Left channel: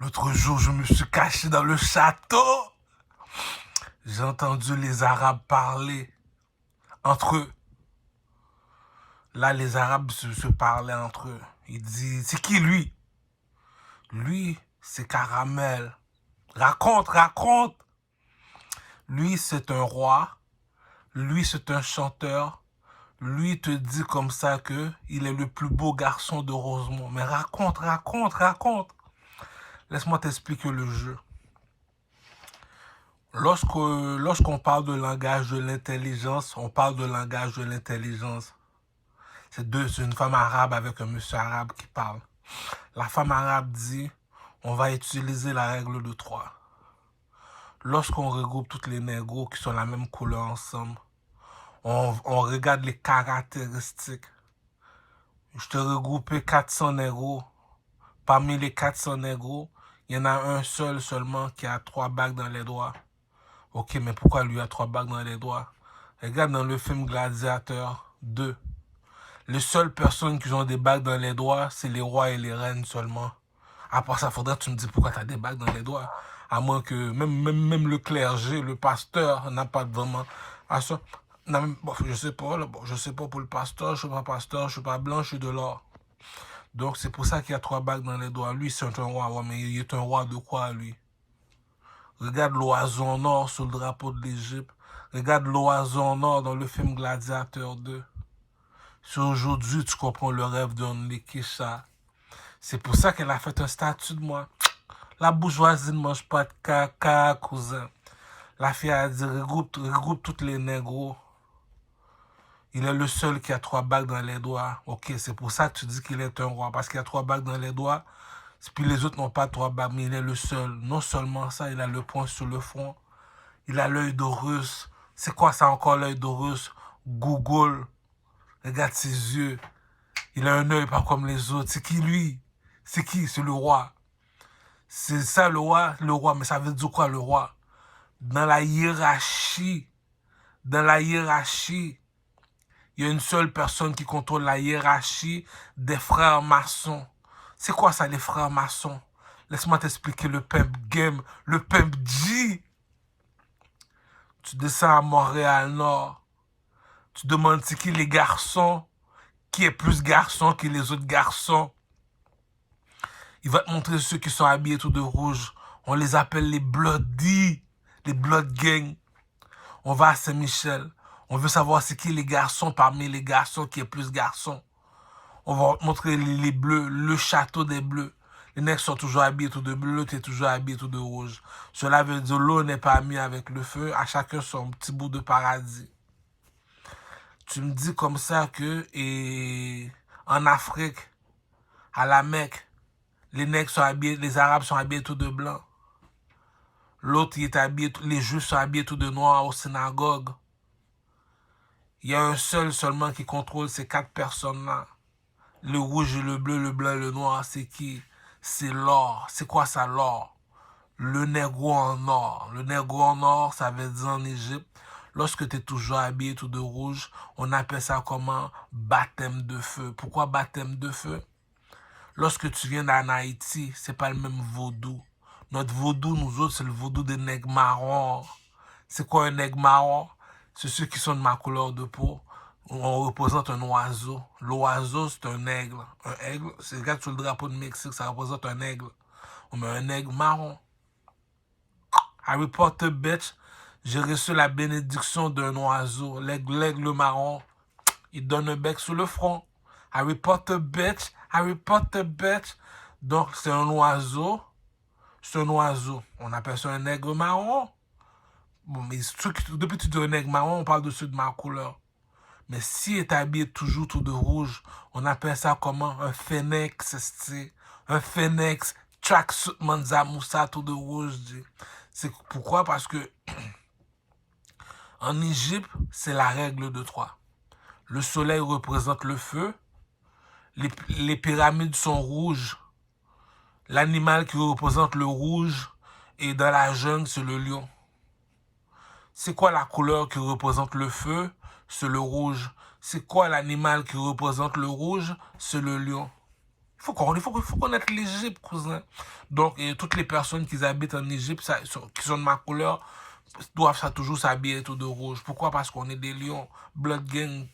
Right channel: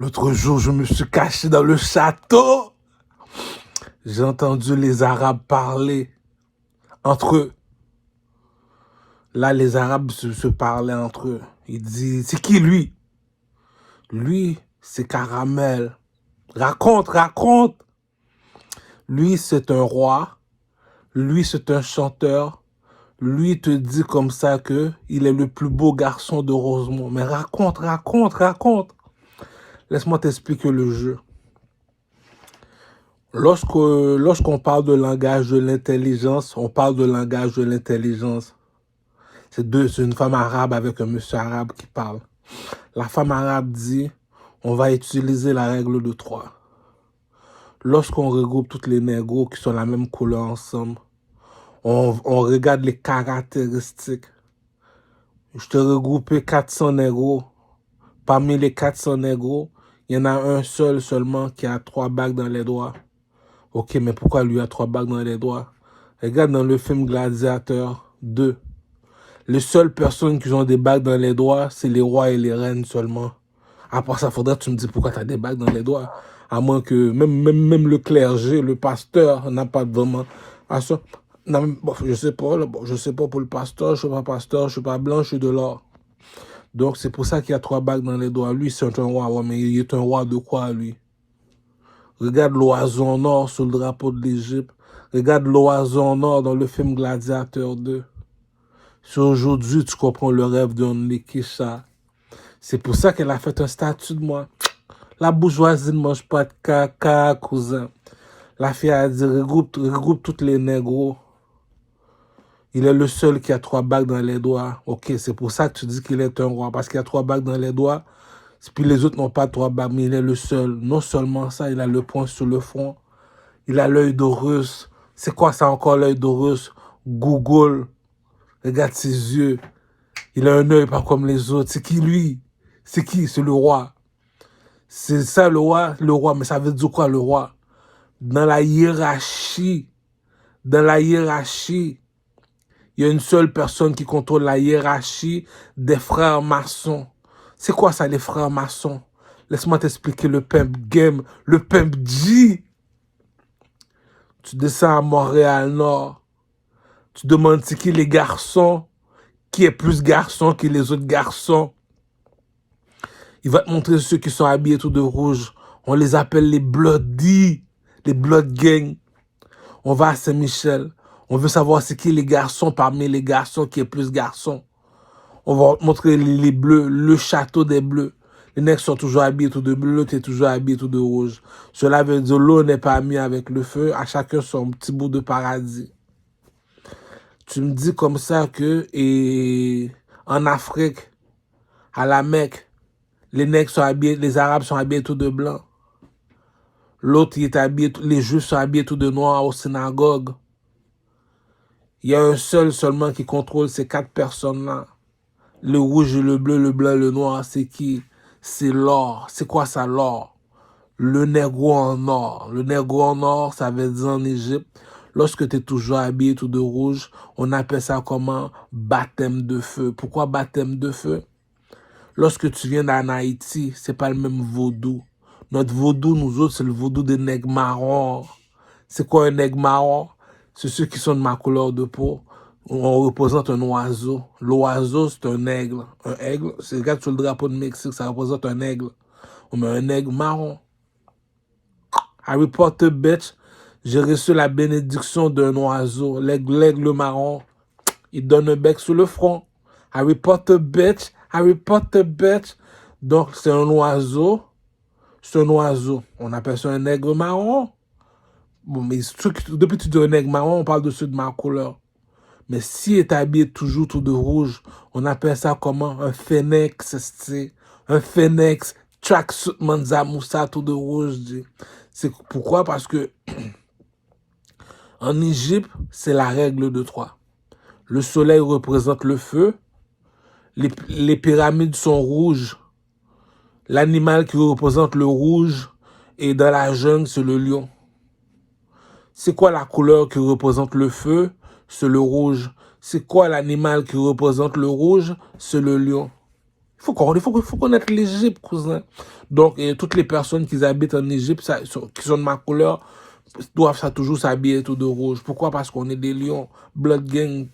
L'autre jour, je me suis caché dans le château. J'ai entendu les Arabes parler entre eux. Là, les Arabes se parlaient entre eux. Ils disent, c'est qui lui? Lui, c'est Caramel. Raconte, raconte. Lui, c'est un roi. Lui, c'est un chanteur. Lui te dit comme ça que il est le plus beau garçon de Rosemont. Mais raconte, raconte, raconte. Laisse-moi t'expliquer le jeu. Lorsqu'on parle de langage de l'intelligence, on parle de langage de l'intelligence. C'est une femme arabe avec un monsieur arabe qui parle. La femme arabe dit, on va utiliser la règle de 3. Lorsqu'on regroupe toutes les négros qui sont la même couleur ensemble, on regarde les caractéristiques. Je te regroupé 400 négros. Parmi les 400 négros, il y en a un seul seulement qui a 3 bagues dans les doigts. Ok, mais pourquoi lui a 3 bagues dans les doigts? Regarde dans le film Gladiateur 2. Les seules personnes qui ont des bagues dans les doigts, c'est les rois et les reines seulement. Après ça, faudrait que tu me dises pourquoi tu as des bagues dans les doigts. À moins que même le clergé, le pasteur n'a pas vraiment... Bon, je sais pas, là, bon, je sais pas pour le pasteur, je suis pas pasteur, je suis pas blanc, je suis de l'or. Donc c'est pour ça qu'il y a 3 bagues dans les doigts. Lui, c'est un roi, ouais, mais il est un roi de quoi, lui? Regarde l'oiseau en or sur le drapeau de l'Égypte. Regarde l'oiseau en or dans le film Gladiateur 2. Si aujourd'hui tu comprends le rêve d'un Lekisha, c'est pour ça qu'elle a fait un statut de moi. La bourgeoisie ne mange pas de caca, cousin. La fille a dit, regroupe toutes les négros. Il est le seul qui a 3 bagues dans les doigts. Ok, c'est pour ça que tu dis qu'il est un roi. Parce qu'il a 3 bagues dans les doigts. Puis les autres n'ont pas 3 bagues, mais il est le seul. Non seulement ça, il a le poing sur le front. Il a l'œil d'Horus. C'est quoi ça encore, l'œil d'Horus? Google. Regarde ses yeux. Il a un œil pas comme les autres. C'est qui lui? C'est qui? C'est le roi. C'est ça le roi? Le roi, mais ça veut dire quoi le roi? Dans la hiérarchie, il y a une seule personne qui contrôle la hiérarchie des frères maçons. C'est quoi ça, les frères maçons? Laisse-moi t'expliquer le pimp game, le pimp G. Tu descends à Montréal-Nord. Tu demandes c'est qui les garçons, qui est plus garçon que les autres garçons. Il va te montrer ceux qui sont habillés tout de rouge. On les appelle les Bloody, les Blood Gang. On va à Saint-Michel. On veut savoir c'est qui les garçons parmi les garçons qui est plus garçon. On va te montrer les bleus, le château des bleus. Les nègres sont toujours habillés tout de bleu, l'autre est toujours habillé tout de rouge. Cela veut dire l'eau n'est pas mis avec le feu, à chacun son petit bout de paradis. Tu me dis comme ça que en Afrique, à la Mecque, les nègres sont habillés, les Arabes sont habillés tout de blanc. L'autre, il est habillé, les Juifs sont habillés tout de noir aux synagogues. Il y a un seul seulement qui contrôle ces 4 personnes-là. Le rouge et le bleu, le blanc et le noir, c'est qui? C'est l'or. C'est quoi ça, l'or? Le négro en or. Le négro en or, ça veut dire en Égypte, lorsque tu es toujours habillé tout de rouge, on appelle ça comment? Baptême de feu. Pourquoi baptême de feu? Lorsque tu viens d'en Haïti, c'est pas le même vaudou. Notre vaudou, nous autres, c'est le vaudou des nègres marrons. C'est quoi un nègre marron? C'est ceux qui sont de ma couleur de peau. On représente un oiseau. L'oiseau, c'est un aigle. Un aigle, c'est regarde sur le drapeau de Mexique, ça représente un aigle. On met un aigle marron. Harry Potter, bitch, j'ai reçu la bénédiction d'un oiseau. L'aigle marron, il donne un bec sur le front. Harry Potter, bitch. Harry Potter, bitch. Donc, c'est un oiseau. C'est un oiseau. On appelle ça un aigle marron. Bon, mais depuis que tu dis un aigle marron, on parle de ceux de ma couleur. Mais si est habillé toujours tout de rouge, on appelle ça comment? Un phénix, c'est un phénix, tracksuit Manza Moussa tout de rouge. C'est pourquoi? Parce que en Égypte, c'est la règle de 3. Le soleil représente le feu, les pyramides sont rouges, l'animal qui représente le rouge et dans la jungle, c'est le lion. C'est quoi la couleur qui représente le feu? C'est le rouge. C'est quoi l'animal qui représente le rouge? C'est le lion. Il faut connaître l'Égypte, cousin. Donc, toutes les personnes qui habitent en Égypte, qui sont de ma couleur, doivent toujours s'habiller tout de rouge. Pourquoi? Parce qu'on est des lions. Blood gang.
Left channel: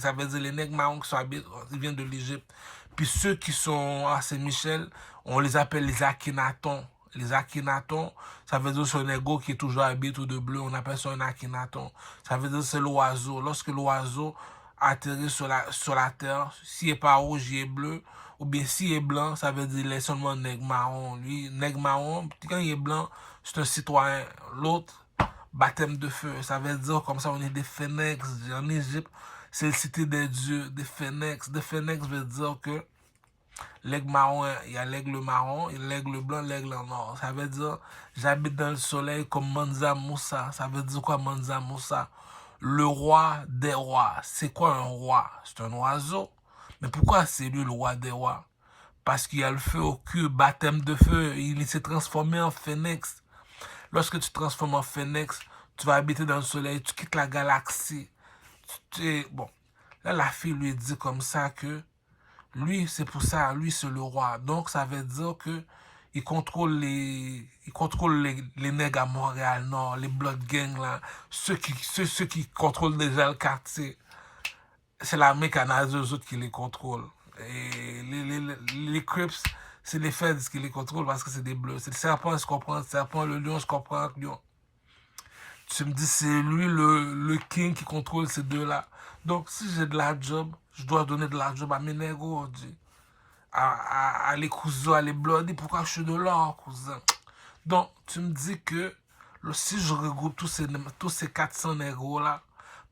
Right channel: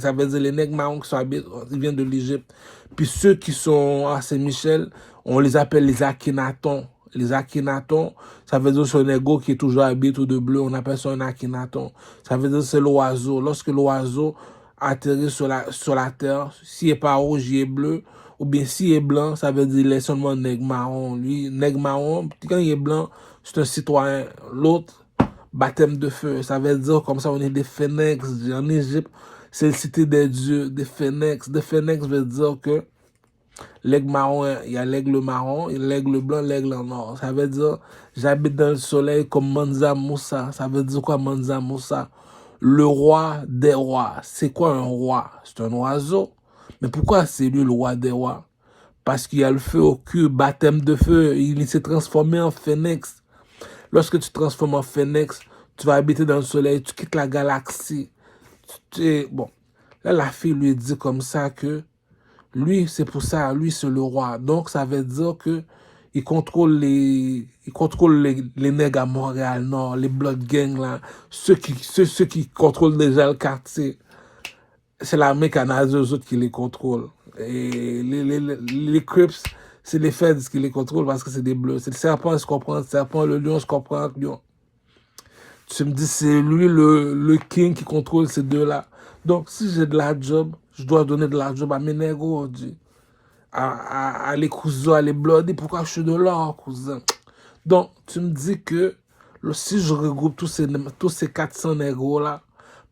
Ça veut dire les nègres marrons qui sont habillés, ils viennent de l'Égypte. Puis ceux qui sont à Saint-Michel, on les appelle les Akhénatons. Les Akhénatons, ça veut dire c'est un nègre qui est toujours habillé tout de bleu. On appelle ça un Akhénaton. Ça veut dire c'est l'oiseau. Lorsque l'oiseau atterrit sur la terre, s'il n'est pas rouge, il est bleu. Ou bien s'il est blanc, ça veut dire qu'il est seulement nègre marron. Lui, nègre marron, quand il est blanc, c'est un citoyen. L'autre, baptême de feu. Ça veut dire comme ça, on est des phénix. En Égypte, c'est le cité des dieux, des phénix. Des phénix veut dire que l'aigle marron, il y a l'aigle marron, l'aigle blanc, l'aigle en or. Ça veut dire, j'habite dans le soleil comme Mansa Moussa. Ça veut dire quoi, Mansa Moussa? Le roi des rois. C'est quoi un roi? C'est un oiseau. Mais pourquoi c'est lui le roi des rois? Parce qu'il y a le feu au cul, baptême de feu. Il s'est transformé en phénix. Lorsque tu te transformes en phénix, tu vas habiter dans le soleil, tu quittes la galaxie. Bon, là, la fille lui dit comme ça que lui, c'est pour ça, lui, c'est le roi. Donc, ça veut dire que il contrôle les nègres à Montréal-Nord, les Blood Gang, là, ceux qui contrôlent déjà le quartier. C'est l'armée canadienne, eux autres qui les contrôlent. Et les Crips, c'est les Feds qui les contrôlent parce que c'est des bleus. C'est le serpent, je comprends le serpent, le lion, je comprends le lion. Tu me dis, c'est lui le king qui contrôle ces deux-là. Donc, si j'ai de la job, je dois donner de la job à mes négros, à les cousins, à les bloods. Pourquoi je suis de l'or, cousin? Donc, tu me dis que si je regroupe tous ces 400 négros-là,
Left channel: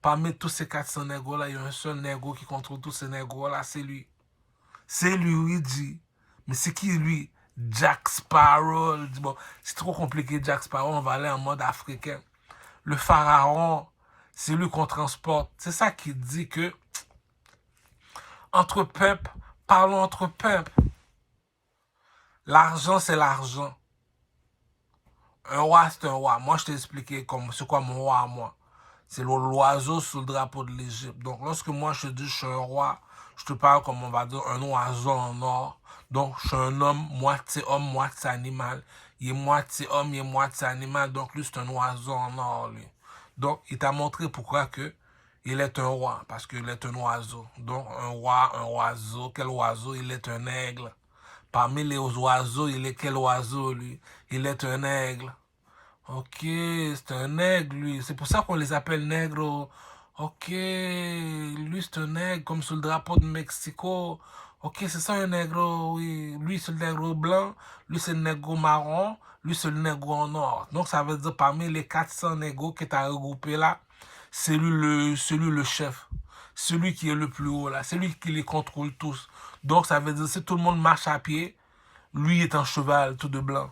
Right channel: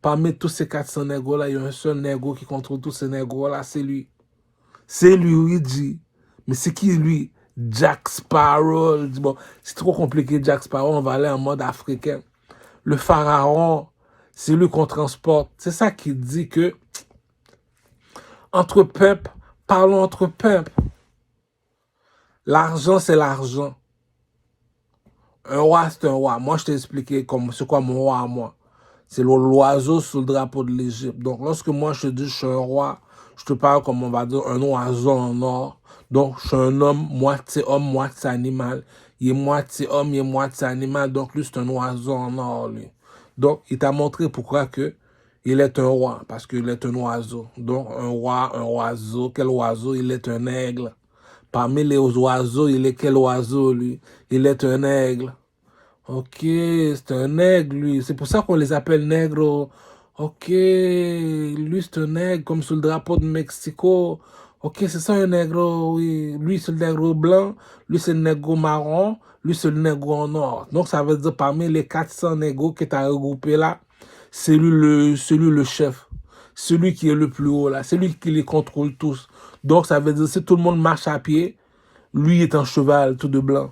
parmi tous ces 400 négros-là, il y a un seul négro qui contrôle tous ces négros-là, c'est lui. C'est lui, oui, dit. Mais c'est qui, lui? Jack Sparrow. Bon, c'est trop compliqué, Jack Sparrow, on va aller en mode africain. Le pharaon, c'est lui qu'on transporte. C'est ça qui dit que, entre peuples, parlons entre peuples. L'argent, c'est l'argent. Un roi, c'est un roi. Moi, je t'ai expliqué c'est quoi mon roi à moi. C'est l'oiseau sur le drapeau de l'Égypte. Donc, lorsque moi, je te dis je suis un roi, je te parle comme on va dire un oiseau en or. Donc, je suis un homme, moitié animal. Il est moitié homme, il est moitié animal. Donc, lui, c'est un oiseau en or, lui. Donc, il t'a montré pourquoi que il est un roi, parce qu'il est un oiseau. Donc, un roi, un oiseau. Quel oiseau? Il est un aigle. Parmi les oiseaux, il est quel oiseau, lui? Il est un aigle. Ok, c'est un aigle, lui. C'est pour ça qu'on les appelle nègres. Ok, lui, c'est un nègre, comme sur le drapeau de Mexico. Ok, c'est ça un nègre, oui. Lui, c'est le nègre blanc. Lui, c'est le nègre marron. Lui, c'est le nègre en or. Donc, ça veut dire parmi les 400 nègres que tu as regroupés là, c'est lui le chef. Celui qui est le plus haut là. C'est lui qui les contrôle tous. Donc, ça veut dire si tout le monde marche à pied, lui est un cheval tout de blanc.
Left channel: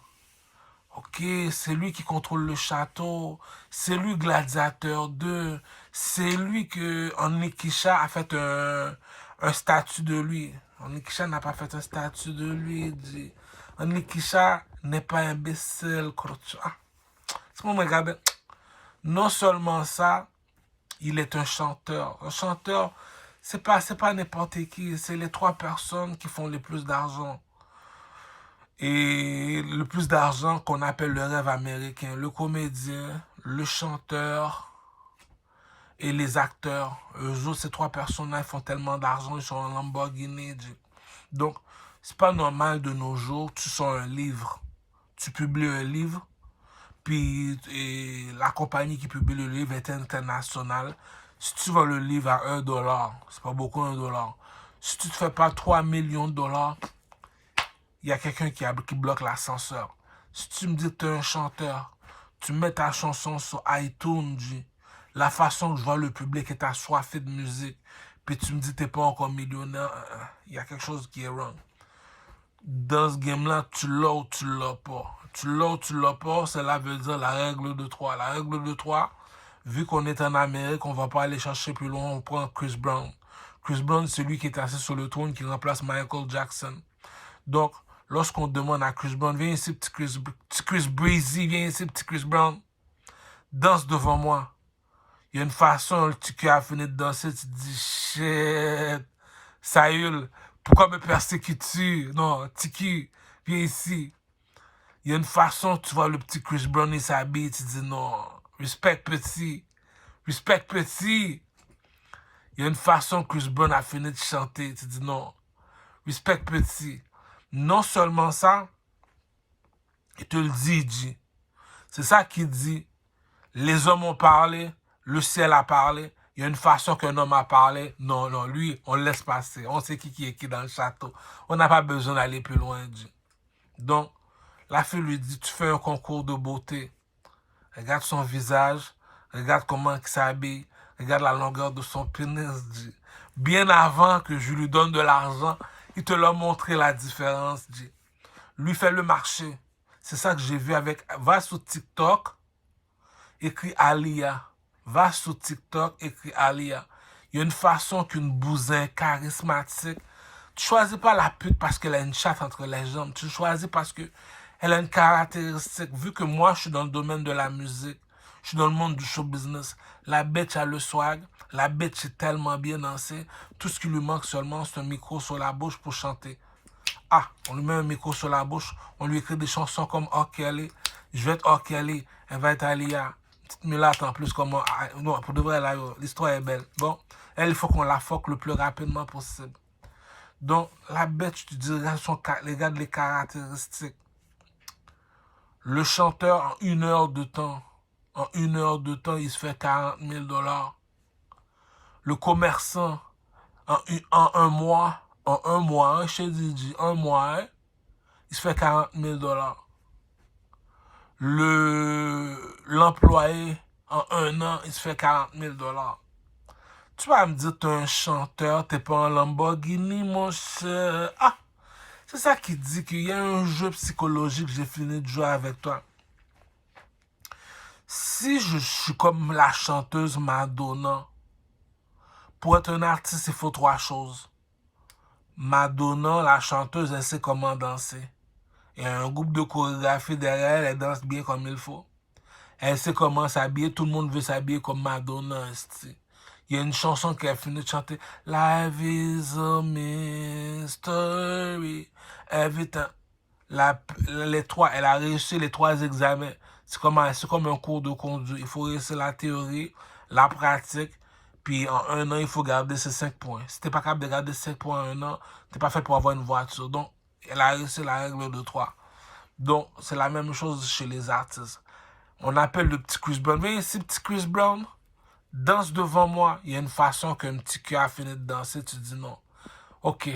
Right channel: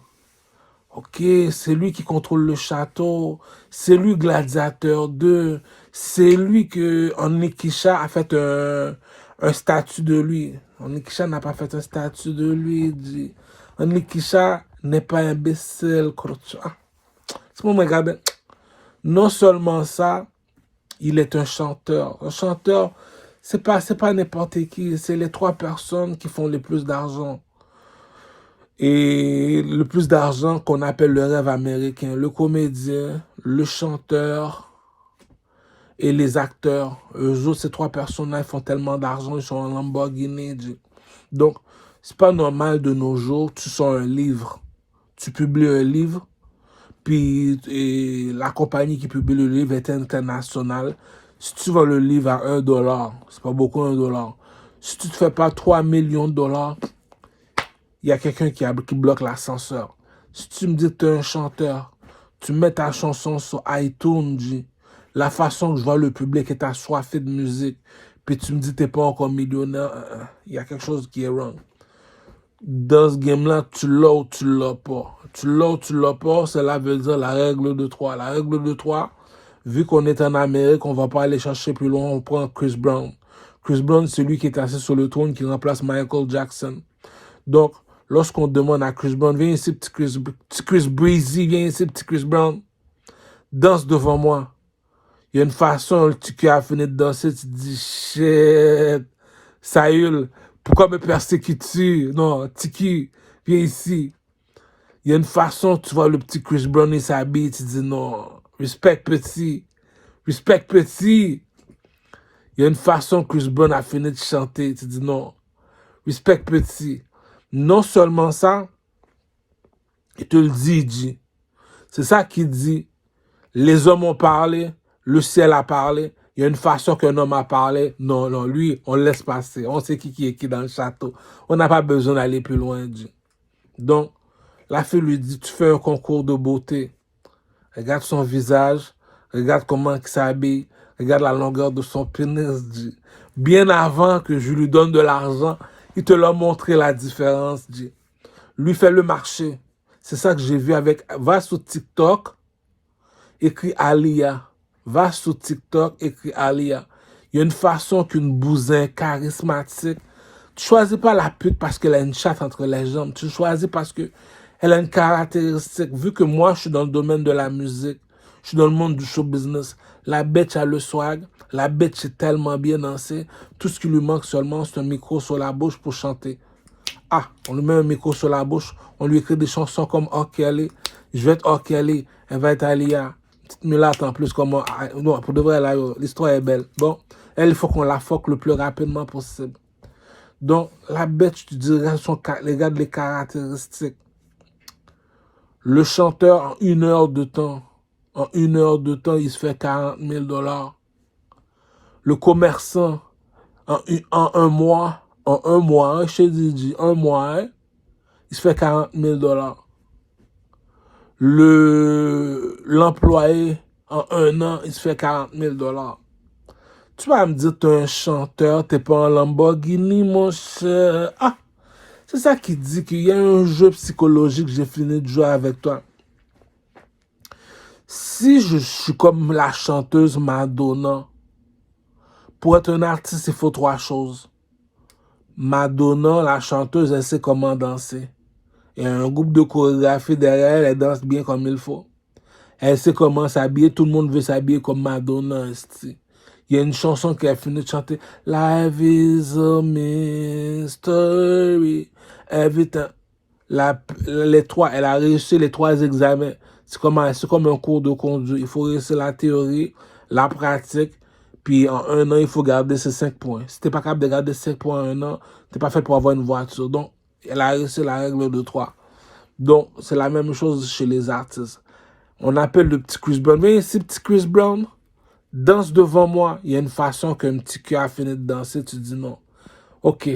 Ok, c'est lui qui contrôle le château, c'est lui gladiateur 2, c'est lui que Onlikisha a fait un statut de lui. Onlikisha n'a pas fait un statut de lui, il dit. Onlikisha n'est pas imbécile, ah. C'est bon, regarde. Non seulement ça, il est un chanteur. Un chanteur, c'est pas n'importe qui, c'est les 3 personnes qui font le plus d'argent. Et le plus d'argent qu'on appelle le rêve américain, le comédien, le chanteur et les acteurs. Eux autres, ces 3 personnes-là, ils font tellement d'argent, ils sont en Lamborghini. Donc, c'est pas normal de nos jours, tu sors un livre, tu publies un livre, puis la compagnie qui publie le livre est internationale. Si tu vends le livre à $1, c'est pas beaucoup $1. Si tu ne te fais pas 3 millions de dollars, il y a quelqu'un qui bloque l'ascenseur. Si tu me dis que tu es un chanteur, tu mets ta chanson sur iTunes, la façon que je vois le public est assoiffé de musique, puis tu me dis que tu n'es pas encore millionnaire, il y a quelque chose qui est wrong. Dans ce game-là, tu l'as ou tu l'as pas. Tu l'as ou tu l'as pas, cela veut dire la règle de 3. La règle de 3, vu qu'on est en Amérique, on ne va pas aller chercher plus loin, on prend Chris Brown. Chris Brown, c'est lui qui est assis sur le trône, qui remplace Michael Jackson. Donc, lorsqu'on demande à Chris Brown, viens ici, petit Chris Breezy, viens ici, petit Chris Brown, danse devant moi. Il y a une façon, tu as fini de danser, tu te dis, shit, ça hurle. Pourquoi me persécutes-tu? Non, Tiki, viens ici. Il y a une façon, tu vois le petit Chris Brown, il s'habille, tu dis non, respect petit, respect petit. Il y a une façon que Chris Brown a fini de chanter, tu dis non, respect petit. Non seulement ça, il te le dit, il dit. C'est ça qu'il dit. Les hommes ont parlé, le ciel a parlé. Il y a une façon qu'un homme a parlé. Non, non, lui, on le laisse passer. On sait qui est qui dans le château. On n'a pas besoin d'aller plus loin, dit. Donc, la fille lui dit, tu fais un concours de beauté. Regarde son visage, regarde comment il s'habille, regarde la longueur de son pénis, dit. Bien avant que je lui donne de l'argent, il te l'a montré la différence, dit. Lui fait le marché. C'est ça que j'ai vu avec... Va sur TikTok, écrit Alia. Va sur TikTok, écrit Alia. Il y a une façon qu'une bousin charismatique. Tu choisis pas la pute parce qu'elle a une chatte entre les jambes. Tu choisis parce que elle a une caractéristique. Vu que moi, je suis dans le domaine de la musique, je suis dans le monde du show business. La bête a le swag. La bête sait tellement bien danser. Tout ce qui lui manque seulement, c'est un micro sur la bouche pour chanter. Ah, on lui met un micro sur la bouche. On lui écrit des chansons comme R. Kelly. Je vais être R. Kelly. Elle va être Alia. Petite mulâtre en plus. Comme, non, pour de vrai, l'histoire est belle. Bon, elle, il faut qu'on la fuck le plus rapidement possible. Donc, la bête, je te dirais, regarde les caractéristiques. Le chanteur, en 1 heure de temps, il se fait 40 000 $. Le commerçant, en un mois, chez Didi, un mois, il se fait 40 000 $. L'employé, en 1 an, il se fait 40 000 $. Tu vas me dire, tu es un chanteur, tu n'es pas un Lamborghini, mon cher. Ah, c'est ça qui dit qu'il y a un jeu psychologique, j'ai fini de jouer avec toi. Si je suis comme la chanteuse Madonna, pour être un artiste, il faut 3 choses. Madonna, la chanteuse, elle sait comment danser. Il y a un groupe de chorégraphie derrière elle, elle danse bien comme il faut. Elle sait comment s'habiller, tout le monde veut s'habiller comme Madonna. Il y a une chanson qu'elle finit de chanter. Life is a mystery. Every time. Les 3, elle a réussi les 3 examens. C'est comme un cours de conduite. Il faut réussir la théorie, la pratique, puis en 1 an, il faut garder ses 5 points. Si tu n'es pas capable de garder 5 points en 1 an, tu n'es pas fait pour avoir une voiture. Donc, elle a réussi la règle de 3. Donc, c'est la même chose chez les artistes. On appelle le petit Chris Brown. Mais ici, petit Chris Brown, danse devant moi. Il y a une façon qu'un petit cœur a fini de danser. Tu dis non. Ok,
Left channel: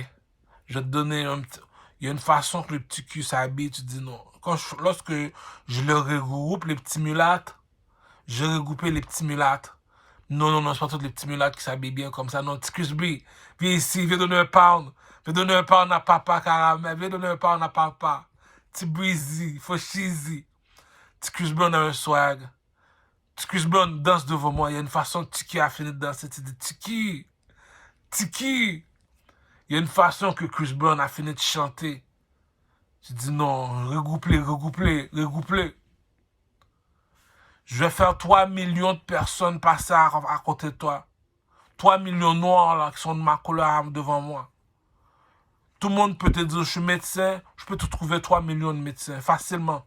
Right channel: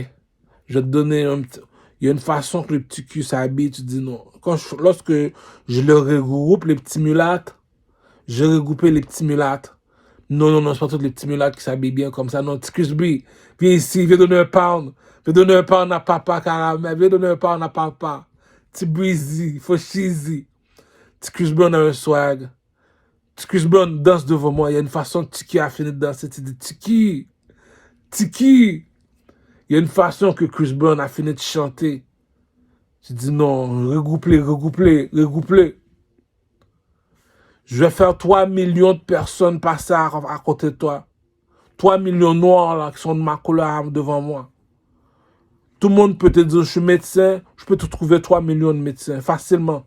je vais te donner un petit... Il y a une façon que le petit cul s'habille. Tu dis non. Lorsque je le regroupe, les petits mulâtres, j'ai regroupé les petits mulâtres. Non, non, non, c'est pas tous les petits mulâtres qui s'habillent bien comme ça. Non, petit Chris Brown, viens ici, viens donner un pound. Viens donner un pound à papa caramel. Viens donner un pound à papa. Petit breezy, faut cheesy. Petit Chris Brown a un swag. Petit Chris Brown danse devant moi. Il y a une façon que Tiki a fini de danser. Tu dis Tiki, Tiki. Il y a une façon que Chris Brown a fini de chanter. Tu dis non, regroupe-les, regroupe-les, regroupe-les. Je vais faire 3 millions de personnes passer à côté de toi. 3 millions noirs là, qui sont de ma couleur devant moi. Tout le monde peut te dire, je suis médecin, je peux te trouver 3 millions de médecins facilement.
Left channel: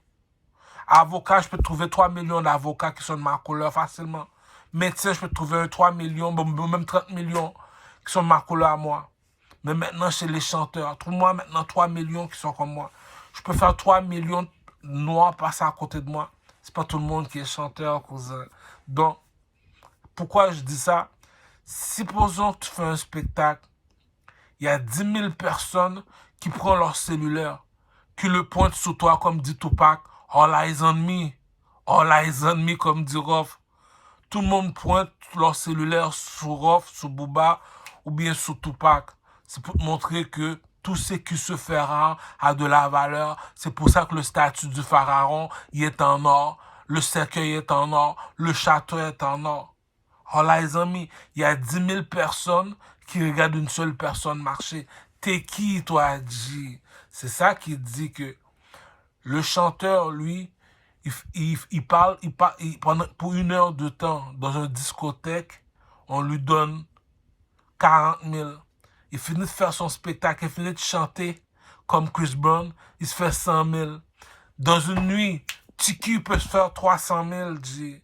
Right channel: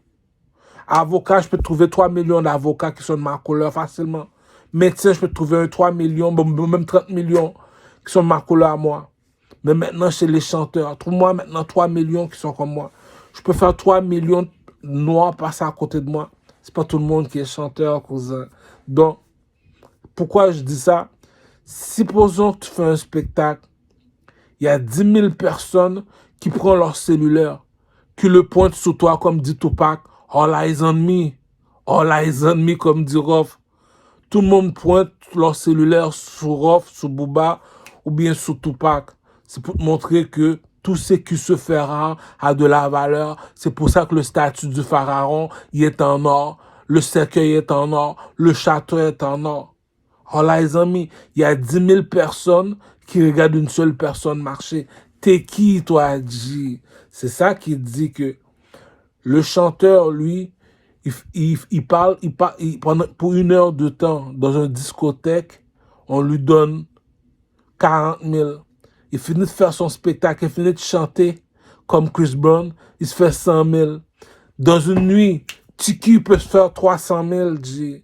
Avocat, je peux te trouver 3 millions d'avocats qui sont de ma couleur facilement. Médecin, je peux te trouver 3 millions, même 30 millions qui sont de ma couleur à moi. Mais maintenant, chez les chanteurs, trouve-moi maintenant 3 millions qui sont comme moi. Je peux faire 3 millions de noirs passer à côté de moi. C'est pas tout le monde qui est chanteur, cousin. Donc, pourquoi je dis ça? Supposons que tu fais un spectacle, il y a 10 000 personnes qui prennent leur cellulaire, qui le pointent sur toi comme dit Tupac. All eyes on me. All eyes on me, comme dit Rof. Tout le monde pointe leur cellulaire sur Rof, sur Booba ou bien sur Tupac. C'est pour te montrer que tout ce qui se fera a de la valeur. C'est pour ça que le statut du pharaon il est en or. Le cercueil est en or. Le château est en or. All eyes on me. Il y a 10 000 personnes qui regardent une seule personne marcher. T'es qui, toi, G? C'est ça qui dit que le chanteur, lui, il parle pour 1 heure de temps dans une discothèque, on lui donne 40 000. il finit de faire son spectacle, il finit de chanter comme Chris Brown, il se fait 100 000. Dans une nuit, Tiki peut se faire 300 000, G.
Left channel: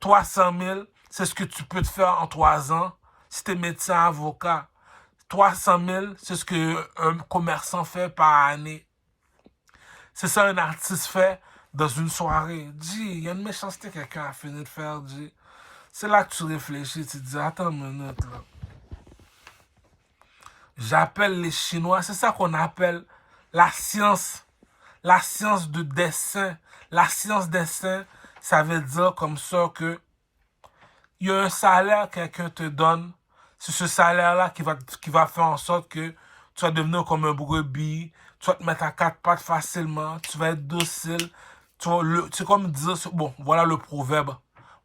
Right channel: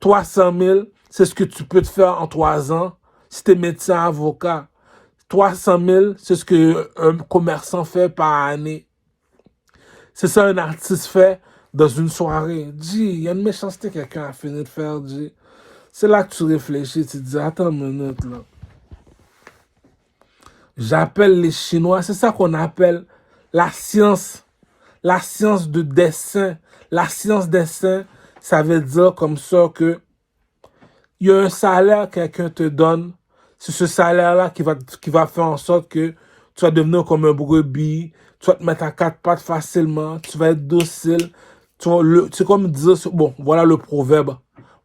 300 000, c'est ce que tu peux te faire en 3 ans si tu es médecin, avocat. 300 000, c'est ce qu'un commerçant fait par année. C'est ça un artiste fait dans une soirée. Dis, il y a une méchanceté que quelqu'un a fini de faire, dis. C'est là que tu réfléchis, tu te dis, attends une minute, là. J'appelle les Chinois, c'est ça qu'on appelle la science de dessin. La science dessin, ça veut dire comme ça que il y a un salaire que quelqu'un te donne. C'est ce salaire-là qui va faire en sorte que tu vas devenir comme un brebis, tu vas te mettre à 4 pattes facilement, tu vas être docile. C'est comme dire, bon, voilà le proverbe.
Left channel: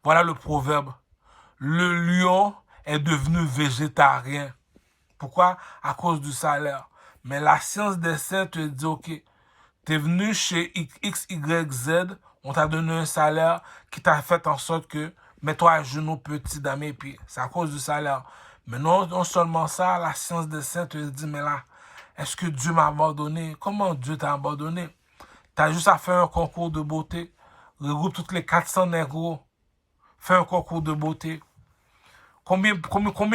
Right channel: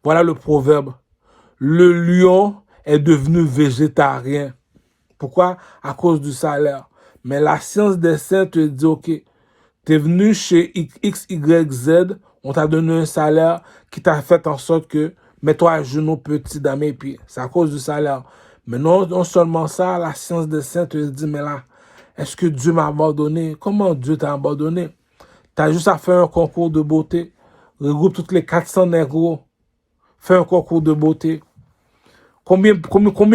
Voilà le proverbe. Le lion est devenu végétarien. Pourquoi? À cause du salaire. Mais la science des saints te dit, OK, t'es venu chez X, Y, Z, on t'a donné un salaire qui t'a fait en sorte que mets-toi à genoux petit dans mes pieds. C'est à cause du salaire. Mais non seulement ça, la science des saints te dit, mais là, est-ce que Dieu m'a abandonné? Comment Dieu t'a abandonné? T'as juste à faire un concours de beauté. Regroupe toutes les 400 négros. Fais un concours de beauté. Combien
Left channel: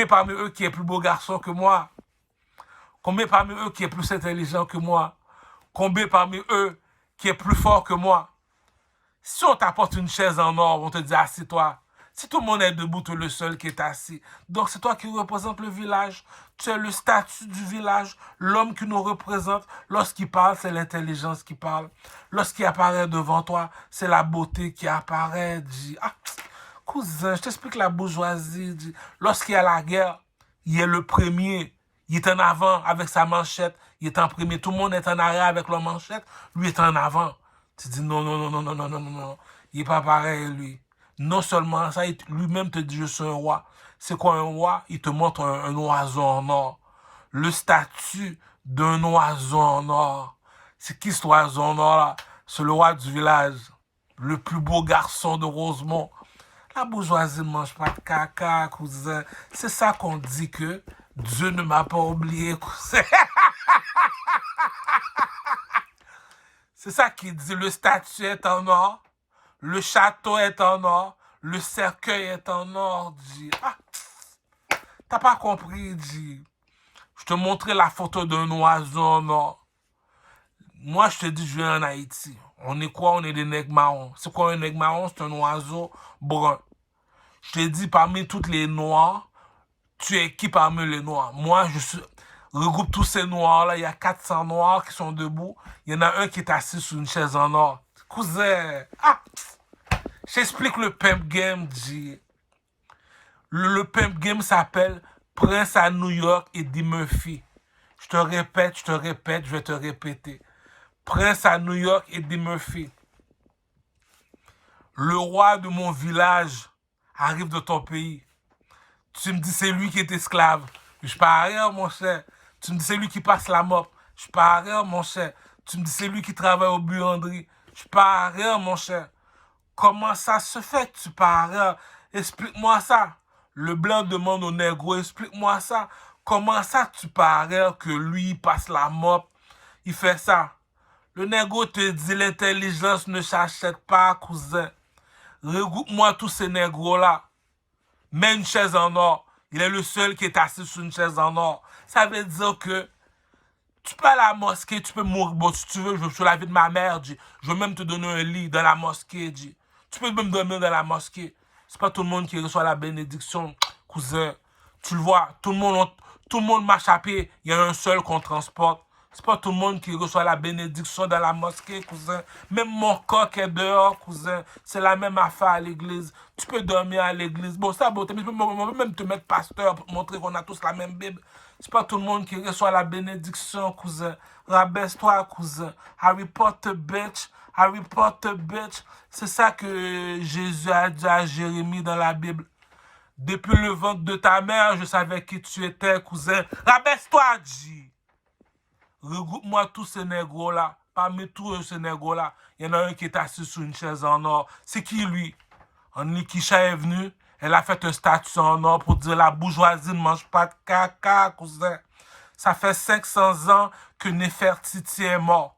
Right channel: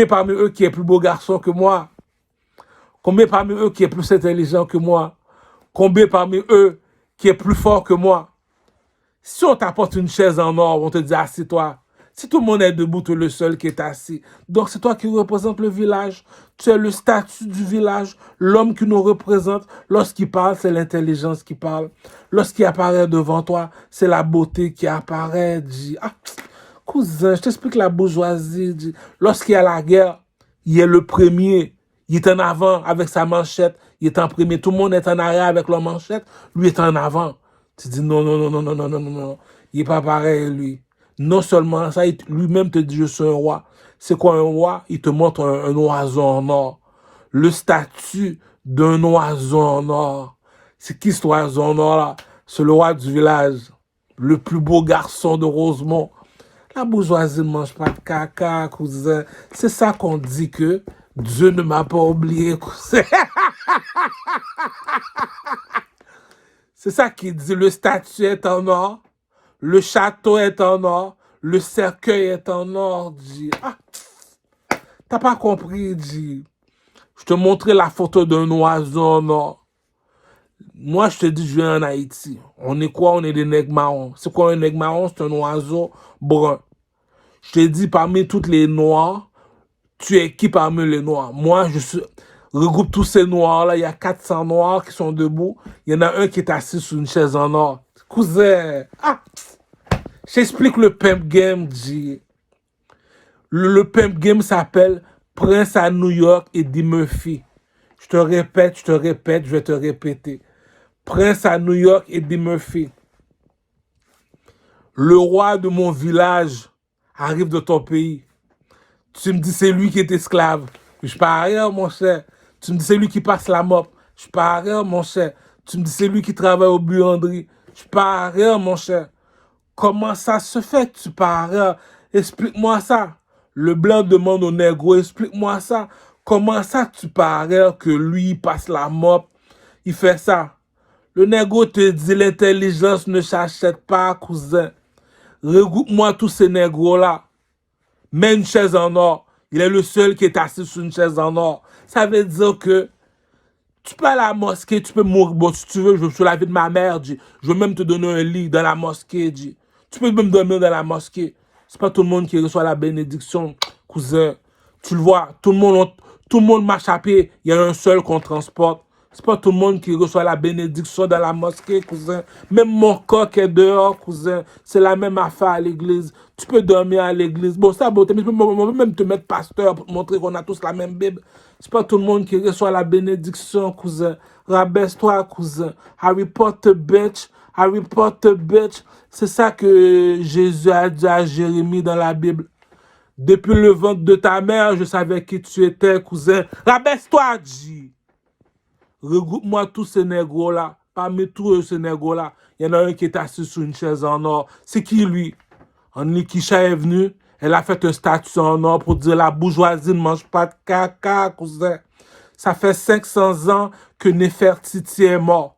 parmi eux qui est plus beau garçon que moi? Combien parmi eux qui est plus intelligent que moi? Combien parmi eux qui est plus fort que moi? Si on t'apporte une chaise en or, on te dit assis-toi. Si tout le monde est debout, tu es le seul qui est assis. Donc c'est toi qui représente le village. Tu es le statut du village. L'homme qui nous représente, lorsqu'il parle, c'est l'intelligence qui parle. Lorsqu'il apparaît devant toi, c'est la beauté qui apparaît. Dis, ah, cousin, je t'explique la bourgeoisie. Dis, lorsqu'il y a la guerre, il est le premier. Il est en avant avec sa manchette. Il est en premier. Tout le monde est en arrière avec leur manchette. Lui est en avant. Tu dis non, non, non, non, non, non, non, non, non. Il n'est pas pareil, lui. Non seulement ça, lui-même te dit je suis un roi. C'est quoi un roi? Il te montre un oiseau en or. Le statut d'un oiseau en or. C'est qui cet oiseau en or là? C'est le roi du village. Le plus beau garçon de Rosemont. La bourgeoisie ne mange pas de caca, cousin. C'est ça qu'on dit que Dieu ne m'a pas oublié, cousin. C'est ça qu'il dit, le statut est en or, le château est en or, le cercueil est en or, dit. Ah, t'as pas compris, dit. Je te montrais la photo d'un oiseau en or. Moi, je te dis, je viens en Haïti. On est quoi? On est des nègres marrons. C'est quoi un nègre marron? C'est un oiseau brun. Je te dis, parmi toutes les noirs, tu es qui parmi les noirs? Moi, regroupe tous ces noirs-là. Il y a 400 noirs qui sont debout. Il y en a un qui est assis sur une chaise en or. Cousin, ah, j'explique le pimp game, G. Le pimp game s'appelle Prince à New York et Eddie Murphy. Je te répète, je vais te répéter. Prince à New York et Eddie Murphy. Le roi de mon village arrive de ton pays. Tu me dis c'est lui qui est esclave. Je pas rien, mon cher. Tu me dis c'est lui qui passe la mop. Je pas rien, mon cher. Tu me dis c'est lui qui travaille au buanderie. Je pas rien, mon cher. Comment ça se fait que tu parles? Explique-moi ça. Le blanc demande au négro, explique-moi ça. Comment ça tu parles que lui passe la mop? Il fait ça. Le négro te dit l'intelligence ne s'achète pas, cousin. Regroupe-moi tous ces négros-là. Mets une chaise en or. Il est le seul qui est assis sur une chaise en or. Ça veut dire que tu peux aller à la mosquée, tu peux mourir. Bon, si tu veux, je veux sur la vie de ma mère, dis. Je veux même te donner un lit dans la mosquée, dis. Tu peux même dormir dans la mosquée. C'est pas tout le monde qui reçoit la bénédiction, cousin. Tu le vois, tout le monde marche à pied. Il y a un seul qu'on transporte. C'est pas tout le monde qui reçoit la bénédiction dans la mosquée, cousin. Même mon coq est dehors, cousin. C'est la même affaire à l'église. Tu peux dormir à l'église. Bon, ça, bon, on peut même te mettre pasteur pour te montrer qu'on a tous la même Bible. C'est pas tout le monde qui reçoit la bénédiction, cousin. Rabaisse-toi, cousin. Harry Potter, bitch. Harry Potter, bitch. C'est ça que Jésus a dit à Jérémie dans la Bible. Depuis le ventre de ta mère, je savais qui tu étais, cousin. Rabaisse-toi, G. Regroupe-moi tous ces négros-là. Parmi tous ces négros-là, il y en a un qui est assis sur une chaise en or. C'est qui, lui? Nikisha est venue. Elle a fait un statut en or pour dire la bourgeoisie ne mange pas de caca, cousin. Ça fait 500 ans que Néfertiti est mort.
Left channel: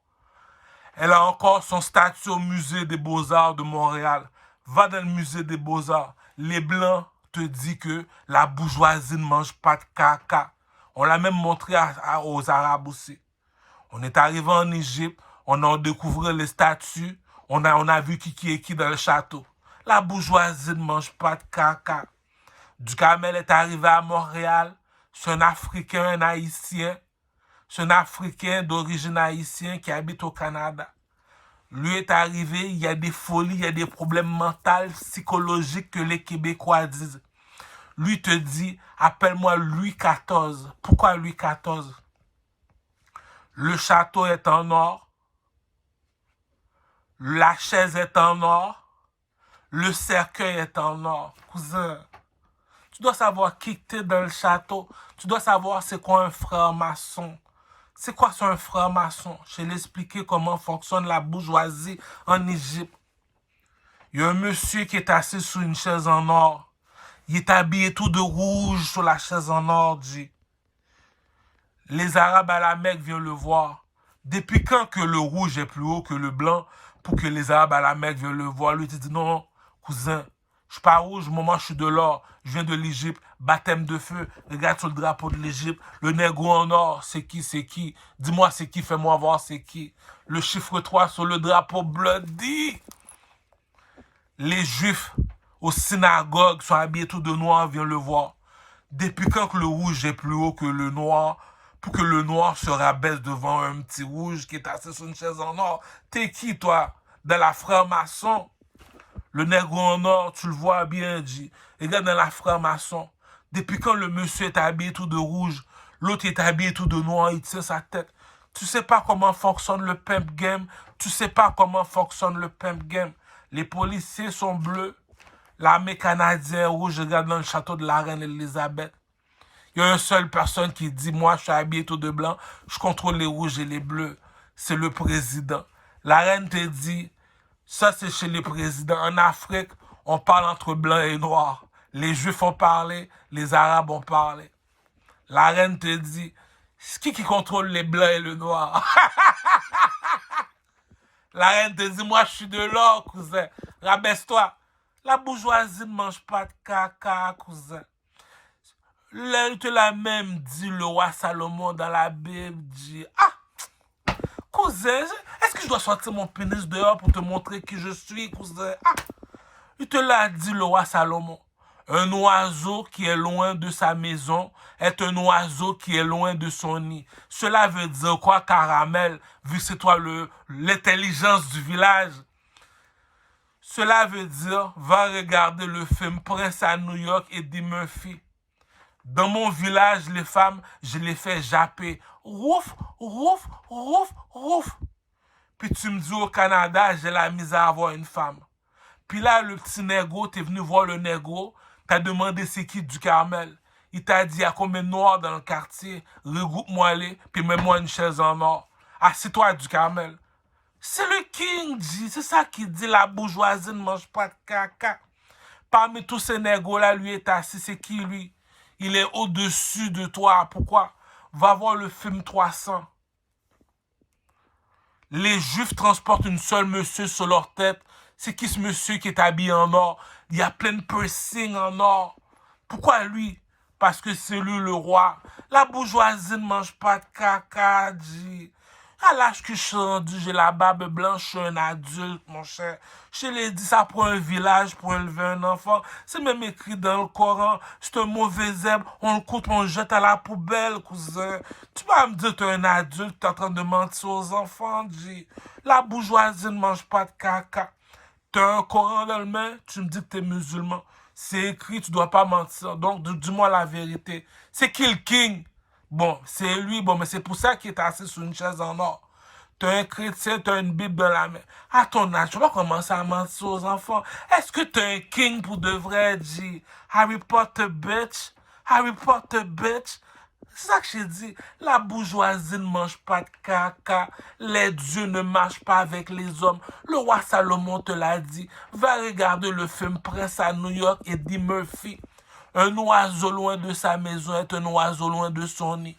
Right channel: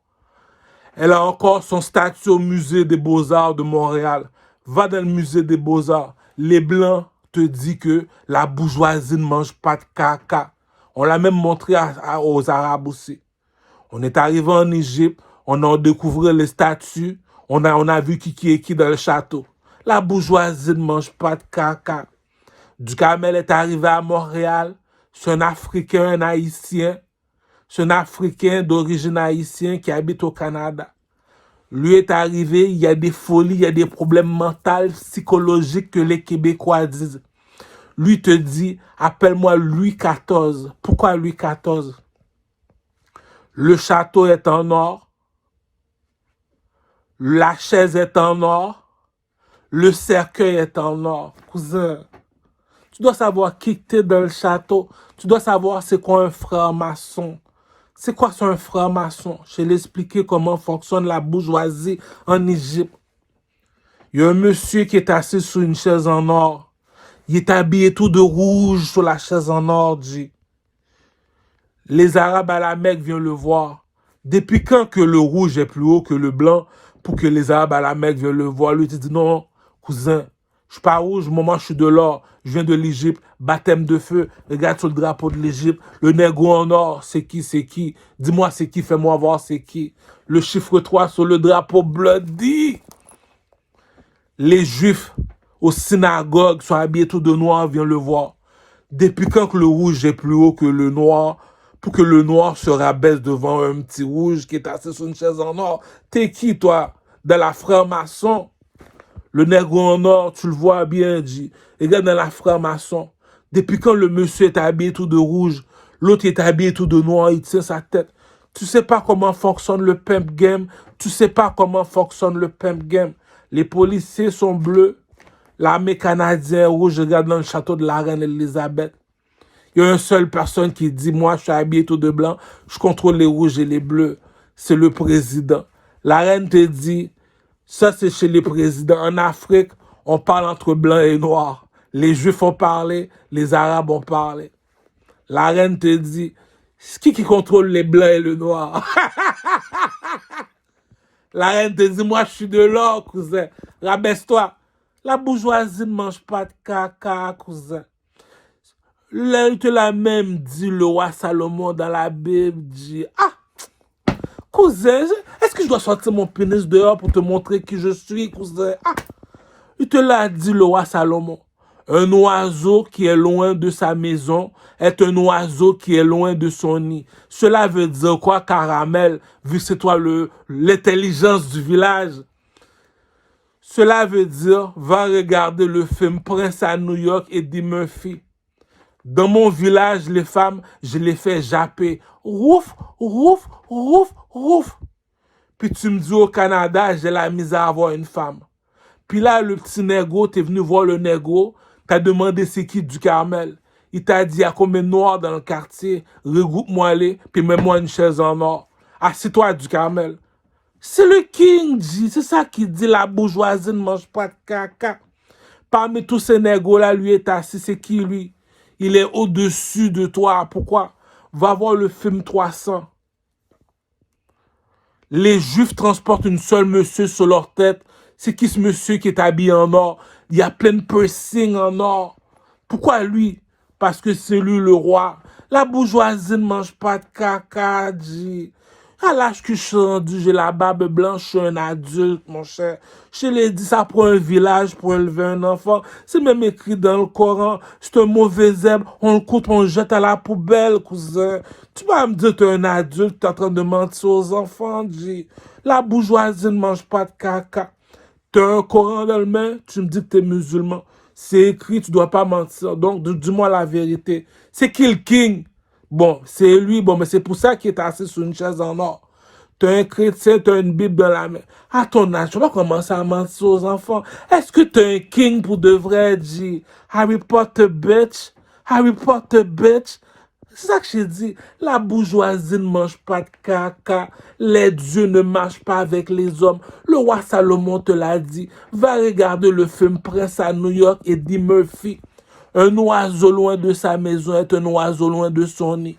Elle a encore son statut au musée des Beaux-Arts de Montréal. Va dans le musée des Beaux-Arts. Les Blancs te disent que la bourgeoisie ne mange pas de caca. On l'a même montré aux Arabes aussi. On est arrivé en Égypte, on a découvert les statues, on a vu qui est qui dans le château. La bourgeoisie ne mange pas de caca. Duhamel est arrivé à Montréal, c'est un Africain, un Haïtien. C'est un Africain d'origine haïtienne qui habite au Canada. Lui est arrivé, il y a des folies, il y a des problèmes mentaux, psychologiques que les Québécois disent. Lui te dit, appelle-moi Louis XIV. Pourquoi Louis XIV? Le château est en or, la chaise est en or, le cercueil est en or. Cousin, tu dois savoir qui t'es dans le château. Tu dois savoir c'est quoi un franc-maçon. C'est quoi un franc-maçon? Je vais l'expliquer comment fonctionne la bourgeoisie en Égypte. Il y a un monsieur qui est assis sur une chaise en or. Il est habillé tout de rouge sur la chaise en or, dit. Les Arabes à la Mecque viennent le voir. Depuis quand que le rouge est plus haut que le blanc pour que les Arabes à la Mecque viennent le voir? Lui, il dit non, cousin, je suis pas rouge, moi je suis de l'or. Je viens de l'Égypte, baptême de feu. Regarde sur le drapeau de l'Égypte. Le négro en or, c'est qui, c'est qui? Dis-moi c'est qui, fais-moi voir c'est qui. Le chiffre 3 sur le drapeau bloody. Les Juifs aux synagogues sont habillés tout de noir, viennent le voir. Depuis quand que le rouge est plus haut que le noir, pour que le noir se rabaisse devant un petit rouge qui est assis sur une chaise en or? T'es qui, toi? Dans la franc-maçon? Le nègre en or, tu le vois bien, dit. Regarde dans la franc-maçon. Depuis quand le monsieur est habillé tout de rouge, l'autre est habillé tout de noir, il tient sa tête. Tu sais pas comment fonctionne le pimp game. Tu sais pas comment fonctionne le pimp game. Les policiers sont bleus. L'armée canadienne est rouge. Regarde dans le château de la reine Elisabeth. Il y a une seule personne qui dit, moi, je suis habillé tout de blanc, je contrôle les rouges et les bleus. C'est le président. La reine te dit, ça c'est chez les présidents. En Afrique, on parle entre blancs et noirs. Les Juifs ont parlé, les Arabes ont parlé. La reine te dit, qui contrôle les blancs et le noir? La reine te dit, moi, je suis de l'or, cousin. Rabaisse-toi. La bourgeoisie ne mange pas de caca, cousin. Elle te l'a même dit, le roi Salomon dans la Bible, dit, ah, cousin, est-ce que je dois sortir mon pénis dehors pour te montrer qui je suis, cousin? Ah, il te l'a dit, le roi Salomon. Un oiseau qui est loin de sa maison est un oiseau qui est loin de son nid. Cela veut dire quoi, Caramel, vu que c'est toi l'intelligence du village? Cela veut dire, va regarder le film Prince à New York, Eddie Murphy. Dans mon village, les femmes, je les fais japper. Rouf, rouf, rouf, rouf. Puis tu me dis au Canada, j'ai la misère à avoir une femme. Puis là, le petit négro, t'es venu voir le négro, t'as demandé c'est qui du Carmel. Il t'a dit, il y a combien de noirs dans le quartier? Regroupe-moi les, puis mets-moi une chaise en or. Assis-toi du Carmel. C'est le King, dit. C'est ça qui dit, la bourgeoisie ne mange pas de caca. Parmi tous ces négros-là, lui est assis, c'est qui lui? Il est au-dessus de toi. Pourquoi? Va voir le film 300. Les Juifs transportent une seule monsieur sur leur tête. C'est qui ce monsieur qui est habillé en or? Il y a plein de piercings en or. Pourquoi lui? Parce que c'est lui le roi. La bourgeoisie ne mange pas de caca, dit. À l'âge que je suis rendu, j'ai la barbe blanche, je suis un adulte, mon cher. Je l'ai dit, ça prend un village pour élever un enfant. C'est même écrit dans le Coran. C'est un mauvais zèbre, on le coupe, on le jette à la poubelle, cousin. Tu vas me dire que tu es un adulte, tu es en train de mentir aux enfants, dit. La bourgeoisie ne mange pas de caca. Tu as un Coran dans le main, tu me dis que tu es musulman. C'est écrit, tu dois pas mentir. Donc, dis-moi la vérité. C'est qui le king? Bon, c'est lui, bon, mais c'est pour ça qu'il est assis sur une chaise en or. Tu es un chrétien, tu as une Bible dans la main. À ton âge, tu vas commencer à mentir aux enfants. Est-ce que tu es un king pour de vrai, dit? Harry Potter, bitch. Harry Potter, bitch. C'est ça que j'ai dit. La bourgeoisie ne mange pas de caca. Les dieux ne marchent pas avec les hommes. Le roi Salomon te l'a dit. Va regarder le film Prince à New York et Eddie Murphy. Un oiseau loin de sa maison est un oiseau loin de son nid.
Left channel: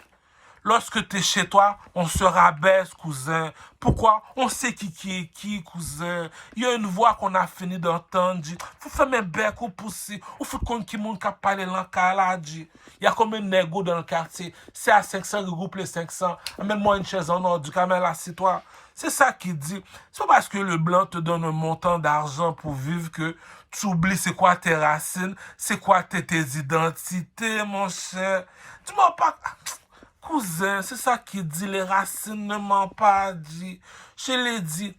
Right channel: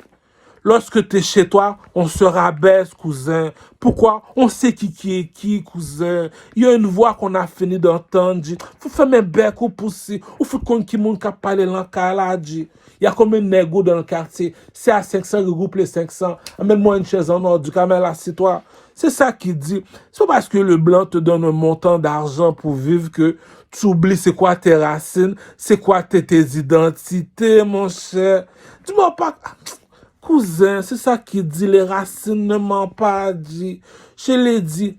Lorsque tu es chez toi, on se rabaisse, cousin. Pourquoi? On sait qui est qui, cousin. Il y a une voix qu'on a fini d'entendre, dit. Faut faire mes becs ou pousser. Ou faut qu'on qui moun ka parler l'encala, dit. Il y a combien de négos dans le quartier? C'est à 500, regroupe les 500. Amène-moi une chaise en or, du camel, assieds-toi. C'est ça qu'il dit. C'est pas parce que le blanc te donne un montant d'argent pour vivre que tu oublies c'est quoi tes racines, c'est quoi tes identités, mon cher. Dis-moi pas... Cousin, c'est ça qu'il dit, les racines ne m'ont pas dit. Je l'ai dit.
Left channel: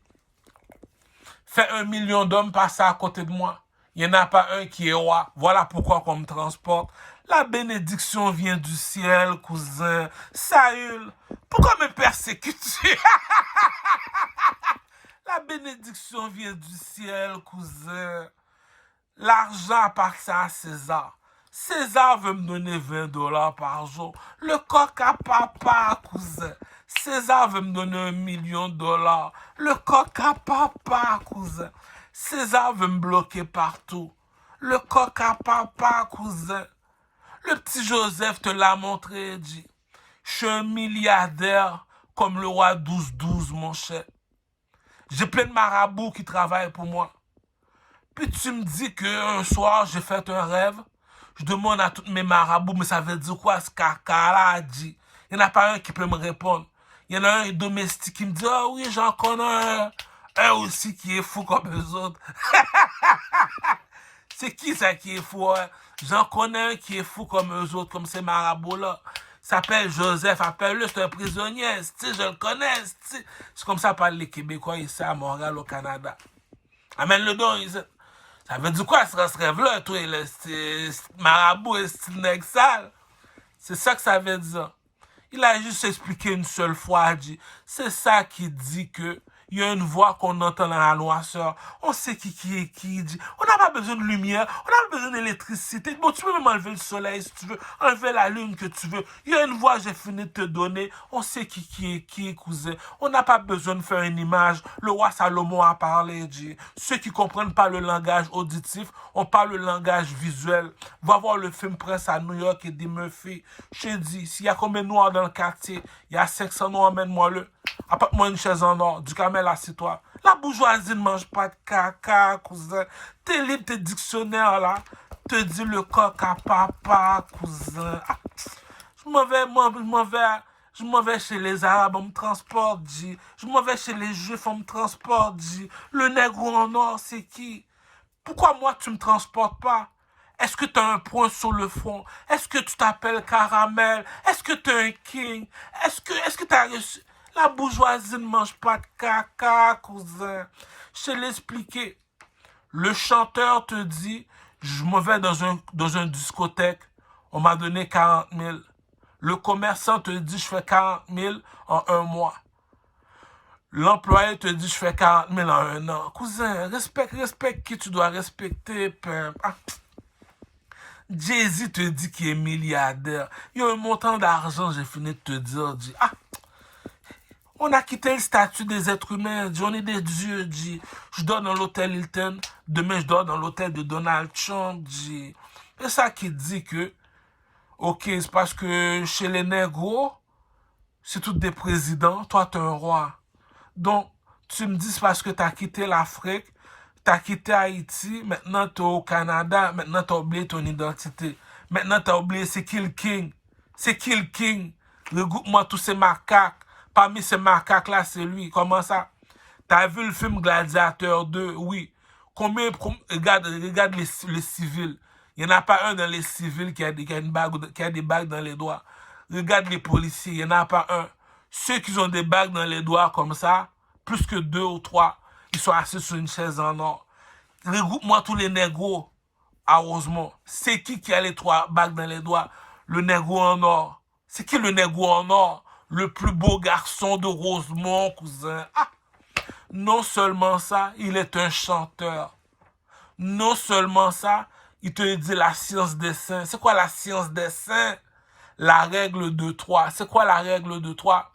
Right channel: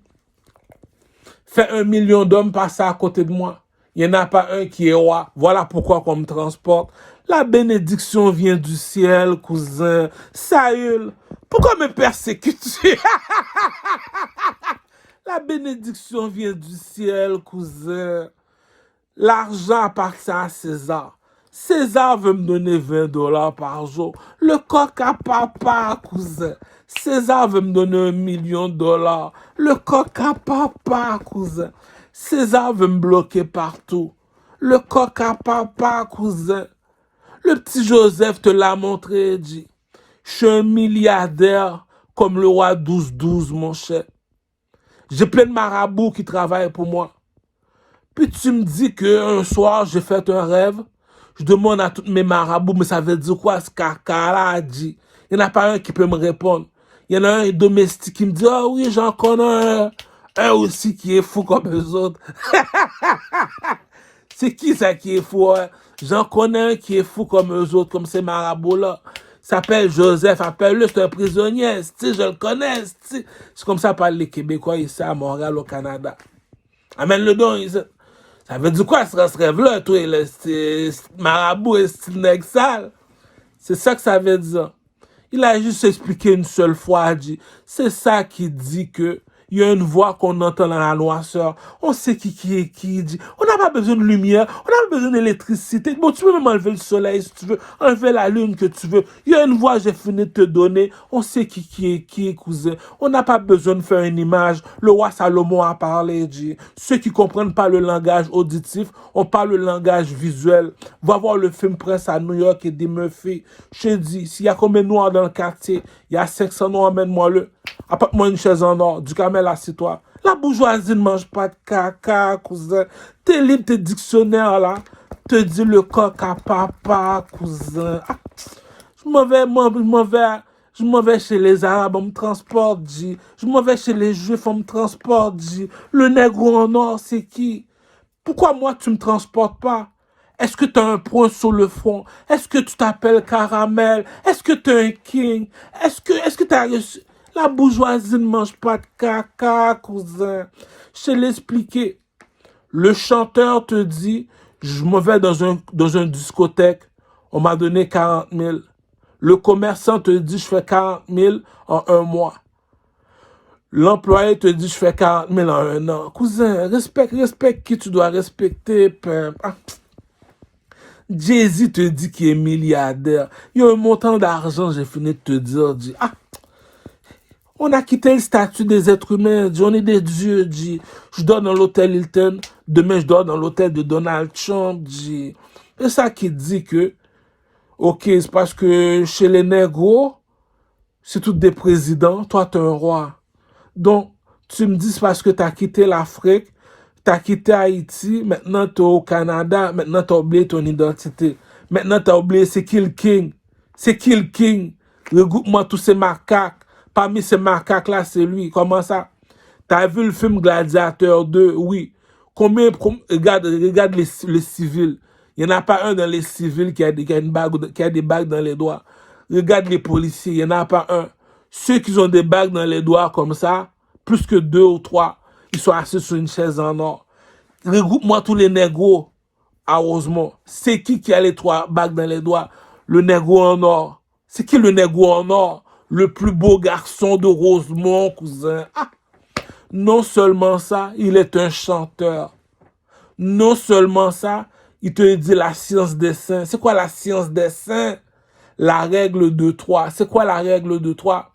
Fais 1 million d'hommes passer à côté de moi. Il n'y en a pas un qui est roi. Voilà pourquoi on me transporte. La bénédiction vient du ciel, cousin. Saül, pourquoi me persécutes-tu? La bénédiction vient du ciel, cousin. L'argent appartient à César. César veut me donner 20 dollars par jour. Le coq à papa, cousin. César veut me donner 1 million de dollars. Le coq à papa, cousin. César veut me bloquer partout. Le coq à papa, cousin. Le petit Joseph te l'a montré, dit. Je suis un milliardaire comme le roi 12-12, mon cher. J'ai plein de marabouts qui travaillent pour moi. Puis tu me dis qu'un soir, j'ai fait un rêve. Je demande à tous mes marabouts, mais ça veut dire quoi ce caca-là a dit? Il n'y en a pas un qui peut me répondre. Il y en a un domestique qui me dit, ah oui, j'en connais un aussi qui est fou comme eux autres. C'est qui ça qui est fou? Hein? J'en connais un qui est fou comme eux autres, comme ces marabouts-là. S'appelle Joseph, appelle-le, c'est un prisonnier, je le connais. C'est comme ça parlent les Québécois ici à Montréal, au Canada. Amène-le donc. Ça veut dire quoi ce rêve-là, toi, le marabout et style nègre sale? C'est ça que ça veut dire. Il a juste expliqué une seule fois, il dit, c'est ça qui dit que il y a une voix qu'on entend dans la noirceur. On sait qui est qui. Dit. On n'a pas besoin de lumière, on n'a pas besoin d'électricité. Bon, tu peux même enlever le soleil si tu veux, enlever la lune que tu veux. Il y a une voix, j'ai fini de te donner. On sait qui est cousin. On n'a pas besoin de faire une image. Le roi Salomon a parlé, dit. Ceux qui ne comprennent pas le langage auditif, on parle le langage visuel. Va voir le film Prince à New York et Eddie Murphy. Je te dis, s'il y a combien de noirs dans le quartier, il y a 500 noirs, emmène-moi-le. Apporte-moi une chaise en or, du camel, assieds-toi. La bourgeoisie ne mange pas de caca, cousin. Tes livres, tes dictionnaires, là, te dit le coq à papa, cousin. Ah, je m'en vais chez les Arabes, on me transporte, dit. Je m'en vais chez les Juifs, on me transporte, dit. Le nègre en or, c'est qui? Pourquoi moi, tu me transportes pas? Est-ce que tu as un point sur le front? Est-ce que tu t'appelles Caramel? Est-ce que tu es un king? Est-ce que tu as reçu... La bourgeoisie ne mange pas de caca, cousin. Je te l'ai expliqué. Le chanteur te dit, je me vais dans un discothèque, on m'a donné 40 000. Le commerçant te dit, je fais 40 000 en 1 mois. L'employé te dit, je fais 40 000 en 1 an. Cousin, respecte qui tu dois respecter. Ah. Jay-Z te dit qu'il est milliardaire. Il y a un montant d'argent, j'ai fini de te dire, dit, ah. On a quitté le statut des êtres humains, dit, on est des dieux, dit. Je dors dans l'hôtel Hilton, demain je dors dans l'hôtel de Donald Trump, dit. C'est ça qui dit que, ok, c'est parce que chez les négros, c'est tous des présidents, toi t'es un roi. Donc, tu me dis c'est parce que t'as quitté l'Afrique, t'as quitté Haïti, maintenant t'es au Canada, maintenant t'as oublié ton identité. Maintenant t'as oublié c'est qui le king. C'est qui le king? Regroupe-moi tous ces macaques. Parmi ces macaques-là, c'est lui. Comment ça? T'as vu le film Gladiateur 2? Oui. Regarde les civils. Il n'y en a pas un dans les civils qui a des bagues dans les doigts. Regarde les policiers. Il n'y en a pas un. Ceux qui ont des bagues dans les doigts comme ça, plus que 2 ou 3, ils sont assis sur une chaise en or. Regroupe-moi tous les négros à Rosemont. C'est qui a les 3 bagues dans les doigts? Le négro en or. C'est qui le négro en or? Le plus beau garçon de Rosemont, cousin. Ah! Non seulement ça, il est un chanteur. Non seulement ça, il te dit la science des saints. C'est quoi la science des saints? La règle de 3. C'est quoi la règle de 3?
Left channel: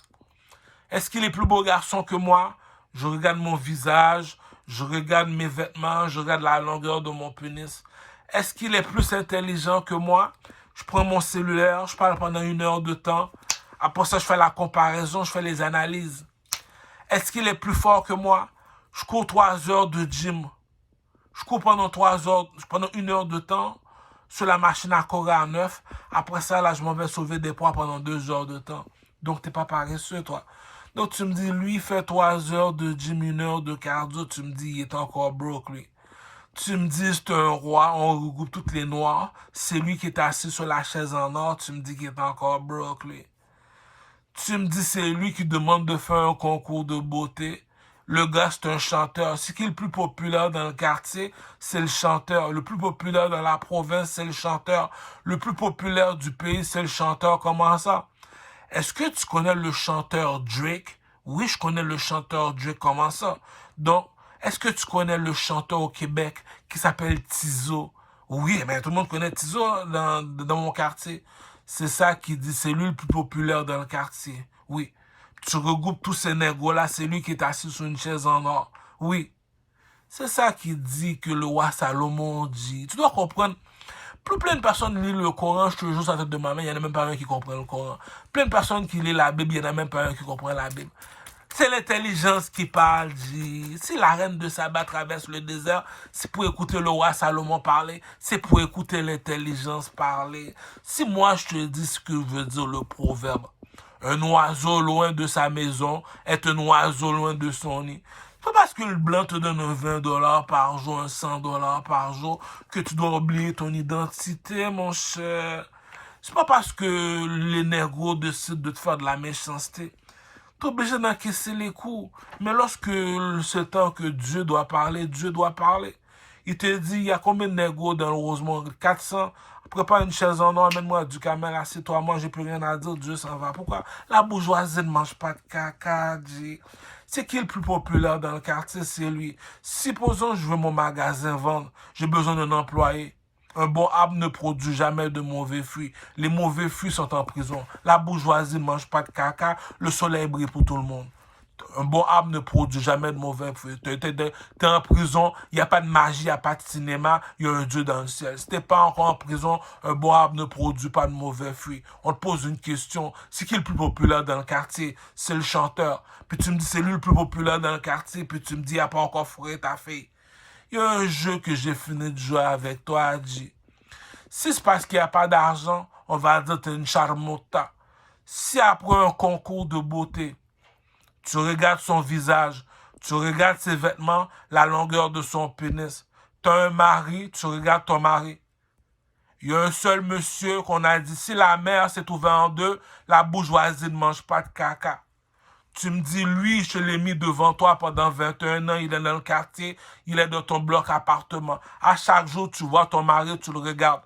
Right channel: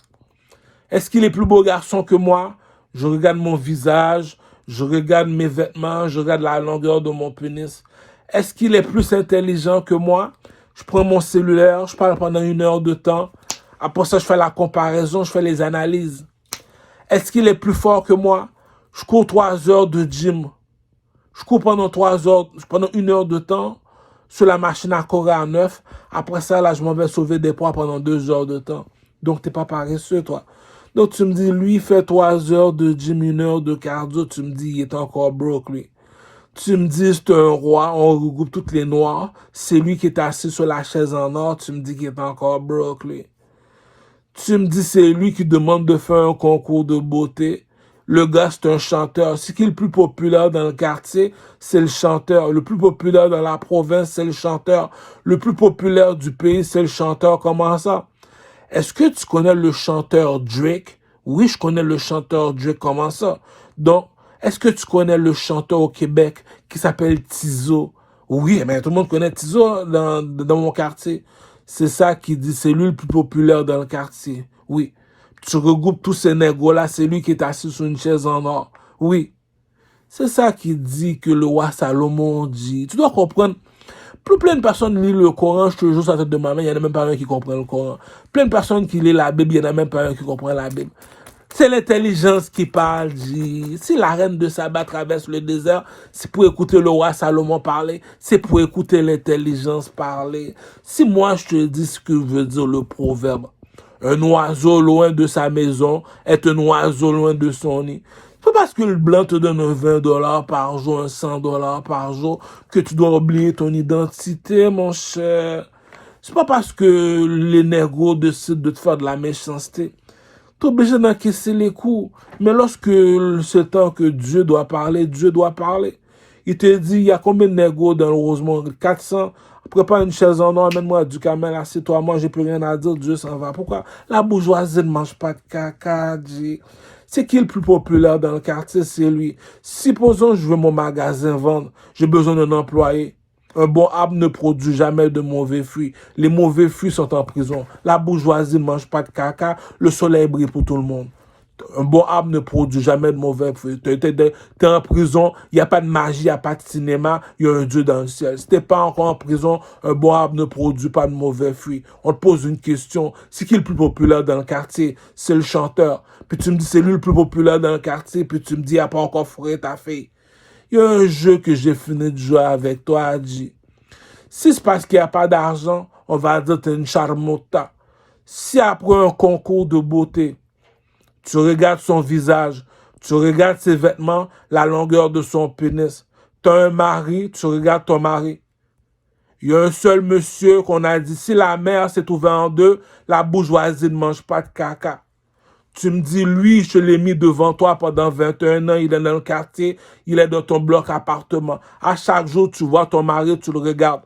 Est-ce qu'il est plus beau garçon que moi? Je regarde mon visage, je regarde mes vêtements, je regarde la longueur de mon pénis. Est-ce qu'il est plus intelligent que moi? Je prends mon cellulaire, je parle pendant 1 heure de temps Après ça, je fais la comparaison, je fais les analyses. Est-ce qu'il est plus fort que moi? Je cours 3 heures de gym. Je cours pendant 3 heures, pendant 1 heure de temps sur la machine à courir à 9. Après ça, là, je m'en vais sauver des poids pendant 2 heures de temps. Donc, t'es pas paresseux, toi. Donc, tu me dis, lui, il fait 3 heures de gym, 1 heure de cardio. Tu me dis, il est encore broke, lui. Tu me dis, c'est un roi, on regroupe toutes les noirs. C'est lui qui est assis sur la chaise en or. Tu me dis qu'il est encore broke, lui. Tu me dis, c'est lui qui demande de faire un concours de beauté. Le gars, c'est un chanteur. Ce qui est le plus populaire dans le quartier, c'est le chanteur. Le plus populaire dans la province, c'est le chanteur. Le plus populaire du pays, c'est le chanteur. Comment ça? Est-ce que tu connais le chanteur Drake? Oui, je connais le chanteur Drake. Comment ça? Donc, est-ce que tu connais le chanteur au Québec qui s'appelle Tizo? Oui, mais tout le monde connaît Tizo dans mon quartier. C'est ça qui dit, c'est lui le plus populaire dans le quartier. Oui. Tu regroupes tous ces négros-là, c'est lui qui est assis sur une chaise en or. Oui. C'est ça qui dit que le roi Salomon dit. Tu dois comprendre. Plus plein de personnes lisent le Coran, je te jure sur la tête de ma main, il n'y en a même pas un qui comprend le Coran. Plein de personnes qui lisent la Bible, il n'y en a même pas un qui comprend la Bible. C'est l'intelligence qui parle, dit. Si la reine de Saba traverse le désert, c'est pour écouter le roi Salomon parler, c'est pour écouter l'intelligence parler. Si moi je te dis ce que veut dire le proverbe, un oiseau loin de sa maison est un oiseau loin de son nid. C'est pas parce que le blanc te donne un 20 $ par jour, un 100 $ par jour, que tu dois oublier ton identité, mon cher. C'est pas parce que les négros décident de te faire de la méchanceté. Tu es obligé d'encaisser les coups. Mais lorsque c'est temps que Dieu doit parler, Dieu doit parler. Il te dit, il y a combien de négros dans le Rosemont? 400. Prépare une chaise en or, amène-moi du camel, assieds-toi, moi, j'ai plus rien à dire, Dieu s'en va. Pourquoi? La bourgeoisie ne mange pas de caca, dit. C'est qui le plus populaire dans le quartier? C'est lui. Supposons je veux mon magasin vendre, j'ai besoin d'un employé. Un bon arbre ne produit jamais de mauvais fruits. Les mauvais fruits sont en prison. La bourgeoisie ne mange pas de caca. Le soleil brille pour tout le monde. Un bon arbre ne produit jamais de mauvais fruits. Tu es en prison, il n'y a pas de magie, il n'y a pas de cinéma, il y a un Dieu dans le ciel. Si tu n'es pas encore en prison, un bon arbre ne produit pas de mauvais fruits. On te pose une question. C'est qui le plus populaire dans le quartier? C'est le chanteur. Puis tu me dis, c'est lui le plus populaire dans le quartier. Puis tu me dis, il n'a pas encore fourré ta fille. Il y a un jeu que j'ai fini de jouer avec toi, Adji. Si c'est parce qu'il n'y a pas d'argent, on va dire que tu es une charmota. Si après un concours de beauté, tu regardes son visage, tu regardes ses vêtements, la longueur de son pénis, tu as un mari, tu regardes ton mari. Il y a un seul monsieur qu'on a dit, si la mer s'est ouverte en deux, la bourgeoisie ne mange pas de caca. Tu me dis, lui, je l'ai mis devant toi pendant 21 ans, il est dans le quartier, il est dans ton bloc appartement. À chaque jour, tu vois ton mari, tu le regardes.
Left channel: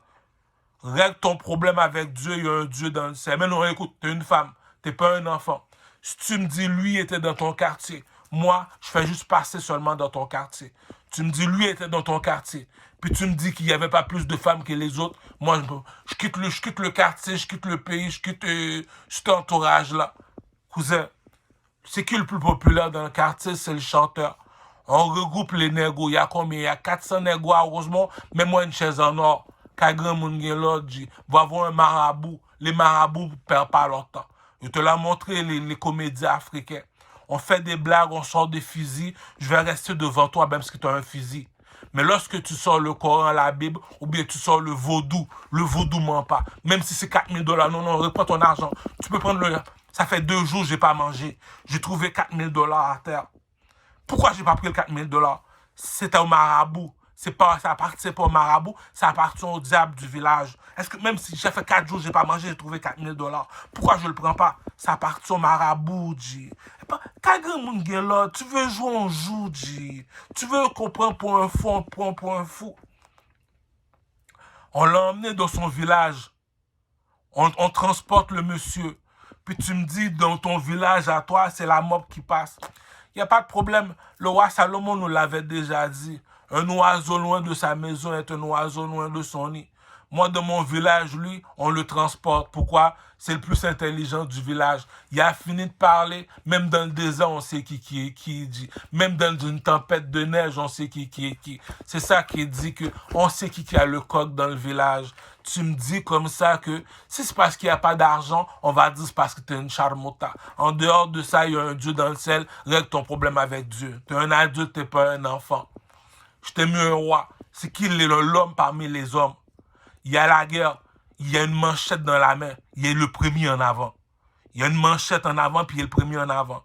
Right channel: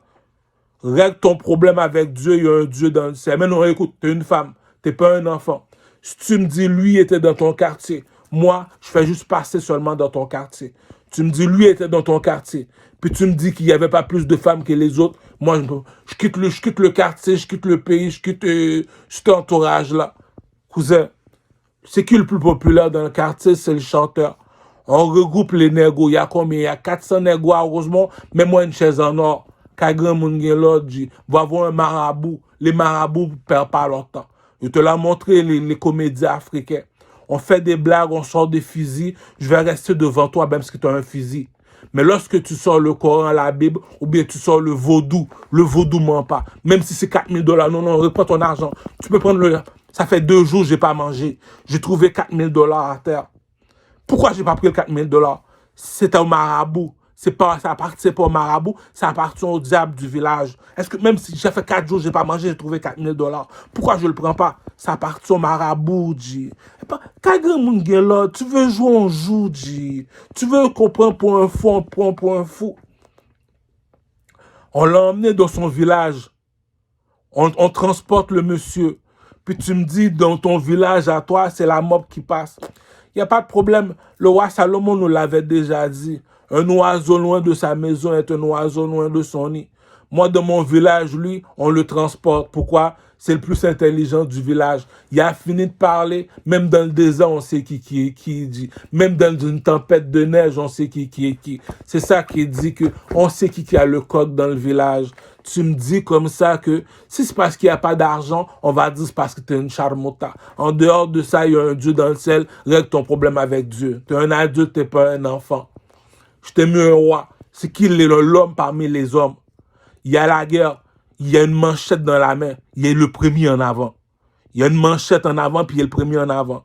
Règle ton problème avec Dieu, il y a un Dieu dans le ciel. Mais non, écoute, tu es une femme, tu n'es pas un enfant. Si tu me dis, lui était dans ton quartier, moi, je fais juste passer seulement dans ton quartier. Tu me dis, lui était dans ton quartier. Puis tu me dis qu'il n'y avait pas plus de femmes que les autres. Moi, je quitte le quartier, je quitte le pays, je quitte cet entourage-là. Cousin, c'est qui le plus populaire dans le quartier? C'est le chanteur. On regroupe les négos. Il y a combien? Il y a 400 négos à Rosemont. Mets-moi une chaise en or. Kagran Mungelo dit, va voir un marabout. Les marabouts ne perdent pas leur temps. Je te l'ai montré, les comédies africains. On fait des blagues, on sort des fusils. Je vais rester devant toi même si tu as un fusil. Mais lorsque tu sors le Coran, la Bible, ou bien tu sors le vaudou ment pas. Même si c'est 4 000 $, non, reprends ton argent. Tu peux prendre le... Ça fait 2 jours que je n'ai pas mangé. J'ai trouvé 4 000 $ à terre. Pourquoi je n'ai pas pris le 4 000 $? C'est un marabout. Ça appartient pas au marabout, ça appartient au diable du village. Est-ce que même si j'ai fait 4 jours, je n'ai pas mangé, j'ai trouvé 4 000 $, pourquoi je ne le prends pas? Ça appartient au marabout, G. Tu veux jouer, on joue, G. Tu veux qu'on prenne pour un fou, on prend pour un fou. On l'a emmené dans son village. On transporte le monsieur. Puis tu me dis, dans ton village à toi, c'est la mob qui passe. Il n'y a pas de problème. Le roi Salomon nous l'avait déjà dit. Un oiseau loin de sa maison est un oiseau loin de son nid. Moi, dans mon village, lui, on le transporte. Pourquoi? c'est le plus intelligent du village. Il a fini de parler, même dans le désert, on sait qui est qui dit. Même dans une tempête de neige, on sait qui est qui. C'est ça qui dit que on sait qui a le coq dans le village. Tu me dis comme ça que si c'est parce qu'il n'y a pas d'argent, on va dire c'est parce que tu es une charmota. En dehors de ça, il y a un Dieu dans le ciel, règle ton problème avec Dieu. Tu es un adulte, tu n'es pas un enfant. Je t'ai mis un roi. C'est qui l'homme parmi les hommes? Il y a la guerre, il y a une manchette dans la main, il est le premier en avant. Il y a une manchette en avant, puis il est le premier en avant.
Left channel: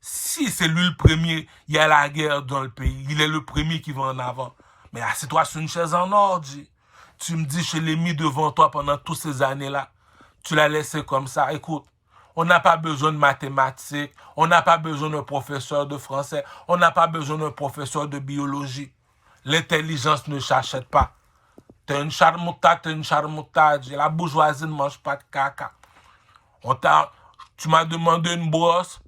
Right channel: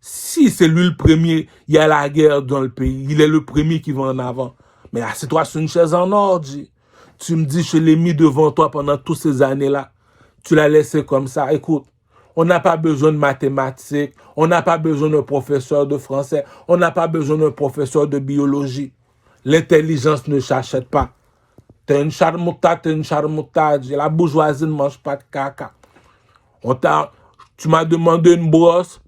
Si c'est lui le premier, il y a la guerre dans le pays, il est le premier qui va en avant. Mais assieds-toi sur une chaise en or, G. Tu me dis, je l'ai mis devant toi pendant toutes ces années-là. Tu l'as laissé comme ça. Écoute, on n'a pas besoin de mathématiques, on n'a pas besoin d'un professeur de français, on n'a pas besoin d'un professeur de biologie. L'intelligence ne s'achète pas. T'es une charmouta, t'es une charmouta. La bourgeoisie ne mange pas de caca. Tu m'as demandé une brosse,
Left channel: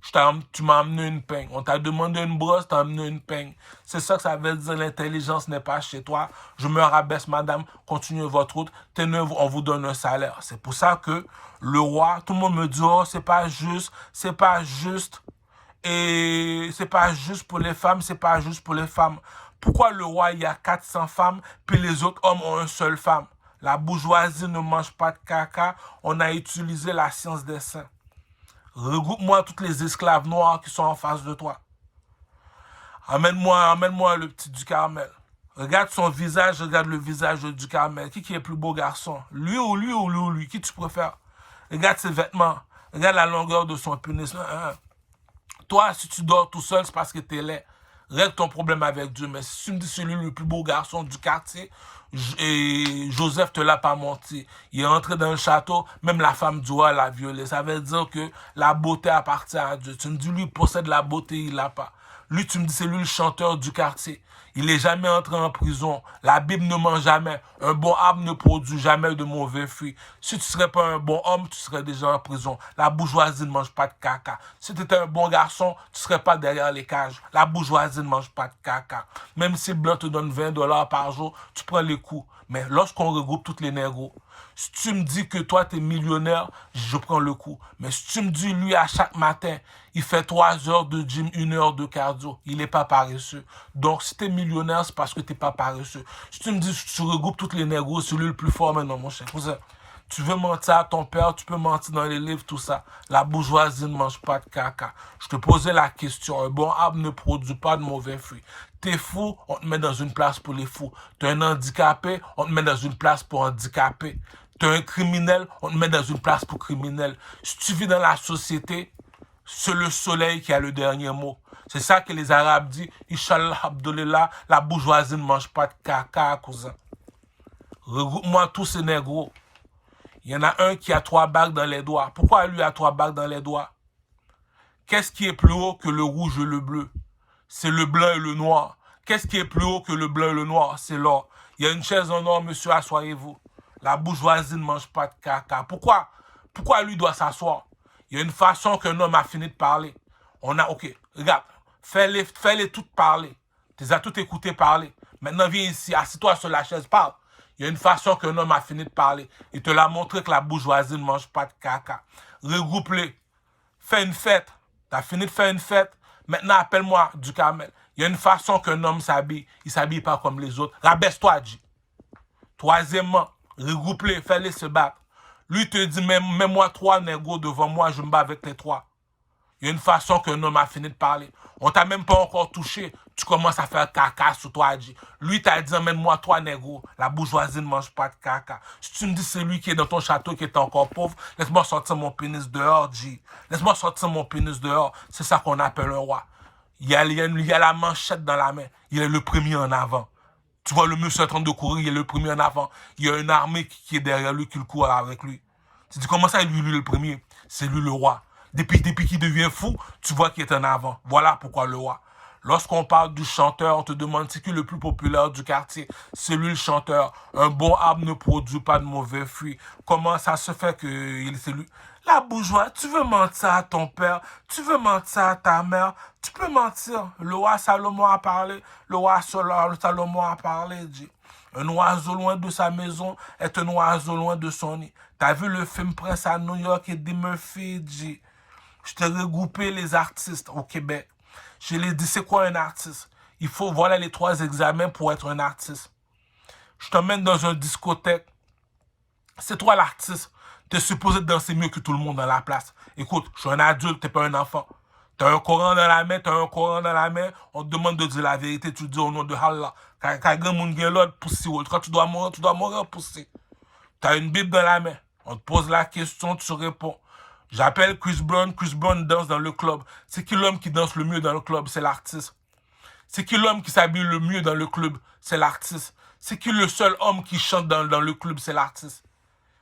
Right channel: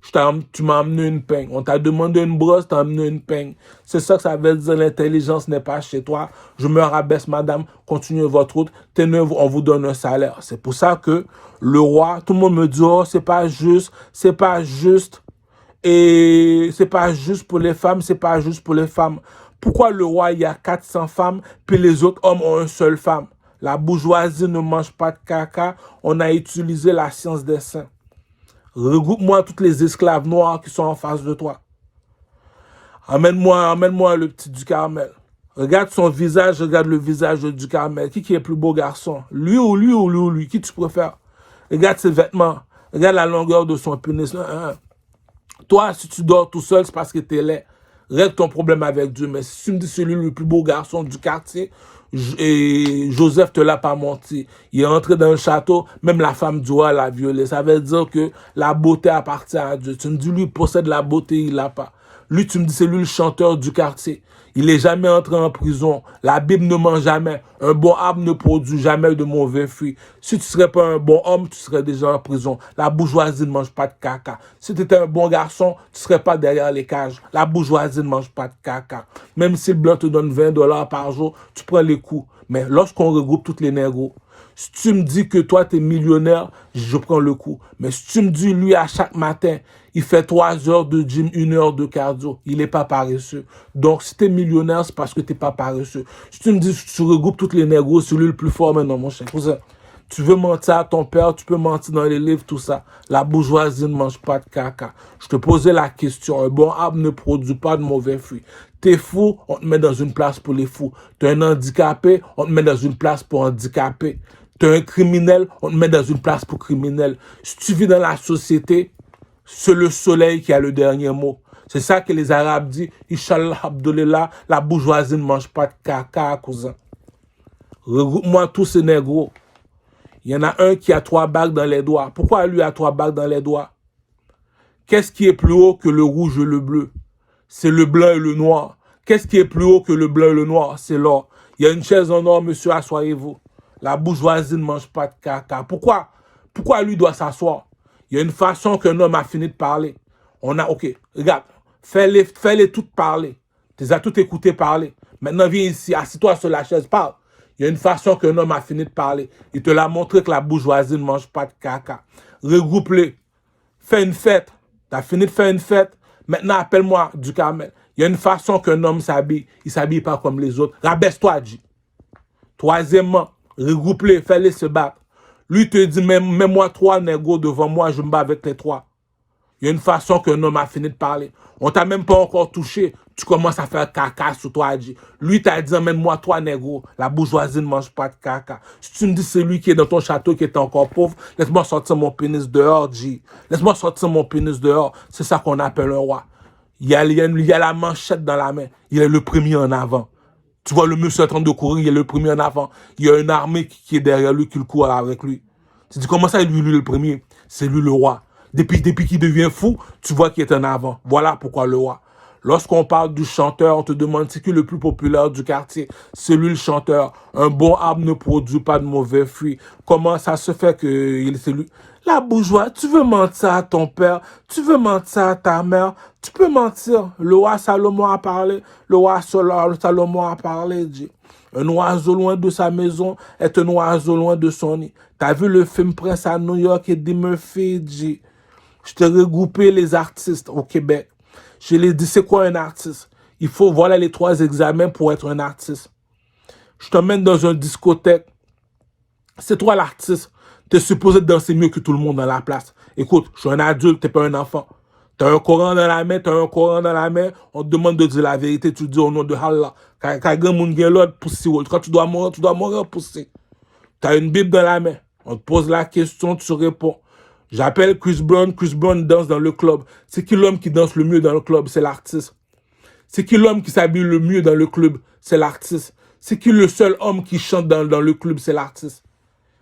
tu m'as amené une peigne. On t'a demandé une brosse, t'as amené une peigne. C'est ça que ça veut dire, l'intelligence n'est pas chez toi. Je me rabaisse, madame, continuez votre route. Tenez, on vous donne un salaire. C'est pour ça que le roi, tout le monde me dit, oh, c'est pas juste, c'est pas juste. Et c'est pas juste pour les femmes, c'est pas juste pour les femmes. Pourquoi le roi, il y a 400 femmes, puis les autres hommes ont une seule femme? La bourgeoisie ne mange pas de caca, on a utilisé la science des saints. Regroupe-moi toutes les esclaves noirs qui sont en face de toi. Amène-moi le petit du Carmel. Regarde son visage, regarde le visage du Carmel. Qui est le plus beau garçon? Lui ou lui ou lui ou lui? Qui tu préfères? Regarde ses vêtements. Regarde la longueur de son pénis. Toi, si tu dors tout seul, c'est parce que t'es laid. Règle ton problème avec Dieu. Mais si tu me dis celui le plus beau garçon du quartier, et Joseph te l'a pas menti. Il est entré dans le château, même la femme du roi l'a violé. Ça veut dire que la beauté appartient à Dieu. Tu me dis, lui, il possède la beauté, il l'a pas. Lui, tu me dis, c'est lui le chanteur du quartier. Il n'est jamais entré en prison. La Bible ne ment jamais. Un bon arbre ne produit jamais de mauvais fruits. Si tu ne serais pas un bon homme, tu serais déjà en prison. La bourgeoisie ne mange pas de caca. Si tu étais un bon garçon, tu ne serais pas derrière les cages. La bourgeoisie ne mange pas de caca. Même si le blanc te donne 20 $ par jour, tu prends les coups. Mais lorsqu'on regroupe toutes les négros, si tu me dis que toi, tu es millionnaire, je prends le coup. Mais si tu me dis, lui, à chaque matin, il fait 3 heures de gym, 1 heure de cardio, il n'est pas paresseux. Donc, si tu es millionnaire, c'est parce que tu n'es pas paresseux. Si tu me dis, tu regroupes toutes les négros, c'est lui le plus fort maintenant, mon cher cousin. Tu veux mentir à ton père, tu peux mentir dans les livres, tout ça. La bourgeoisie ne mange pas de caca. Je te posais la question. Un bon arbre ne produit pas de mauvais fruits. T'es fou, on te met dans une place pour les fous. T'es un handicapé, on te met dans une place pour handicapés. T'es un criminel, on te met dans une place pour criminel. Si tu vis dans la société, c'est le soleil qui a le dernier mot. C'est ça que les Arabes disent. Inch'Allah, Abdullah, la bourgeoisie ne mange pas de caca, cousin. Regroupe-moi tous ces négros. Il y en a un qui a 3 bagues dans les doigts. Pourquoi lui a 3 bagues dans les doigts? Qu'est-ce qui est plus haut que le rouge et le bleu? C'est le blanc et le noir. Qu'est-ce qui est plus haut que le blanc et le noir? C'est l'or. Il y a une chaise en or, monsieur, asseyez-vous. La bourgeoisie ne mange pas de caca. Pourquoi lui doit s'asseoir? Il y a une façon qu'un homme a fini de parler. Ok, regarde, fais-les toutes parler. Tu les as toutes écoutées parler. Maintenant, viens ici, assis-toi sur la chaise, parle. Il y a une façon qu'un homme a fini de parler. Il te l'a montré que la bourgeoisie ne mange pas de caca. Regroupe-les. Fais une fête. Tu as fini de faire une fête. Maintenant, appelle-moi du Carmel. Il y a une façon qu'un homme s'habille. Il ne s'habille pas comme les autres. Rabaisse-toi, G. Troisièmement, regroupe-les, fais-les se battre. Lui te dit, mets-moi 3 négros devant moi, je me bats avec les 3. Il y a une façon qu'un homme a fini de parler. On t'a même pas encore touché. Tu commences à faire caca sur toi, G. Lui t'a dit, emmène-moi 3 négros. La bourgeoisie ne mange pas de caca. Si tu me dis c'est lui qui est dans ton château qui est encore pauvre, laisse-moi sortir mon pénis dehors, G. Laisse-moi sortir mon pénis dehors. C'est ça qu'on appelle un roi. Il y a la manchette dans la main. Il est le premier en avant. Tu vois le monsieur en train de courir, il est le premier en avant. Il y a une armée qui est derrière lui, qui le court avec lui. Tu dis, comment ça, lui le premier? C'est lui le roi. Depuis qu'il devient fou, tu vois qu'il est en avant. Voilà pourquoi le roi. Lorsqu'on parle du chanteur, on te demande c'est qui le plus populaire du quartier. C'est lui le chanteur. Un bon arbre ne produit pas de mauvais fruits. Comment ça se fait que c'est lui? La bourgeoisie, tu veux mentir à ton père, tu veux mentir à ta mère, tu peux mentir. Le roi Salomon a parlé, le roi Salomon a parlé, dit. Un oiseau loin de sa maison est un oiseau loin de son nid. T'as vu le film Prince à New York et Eddie Murphy dit, je t'ai regroupé les artistes au Québec. Je les dit, c'est quoi un artiste? Il faut, voilà les 3 examens pour être un artiste. Je t'emmène dans une discothèque. C'est toi l'artiste. T'es supposé danser mieux que tout le monde dans la place. Écoute, je suis un adulte, t'es pas un enfant. T'as un Coran dans la main, on te demande de dire la vérité, tu dis au nom de Allah. Quand tu dois mourir poussé. T'as une Bible dans la main, on te pose la question, tu réponds. J'appelle Chris Brown danse dans le club. C'est qui l'homme qui danse le mieux dans le club? C'est l'artiste. C'est qui l'homme qui s'habille le mieux dans le club? C'est l'artiste. C'est qui le seul homme qui chante dans le club? C'est l'artiste.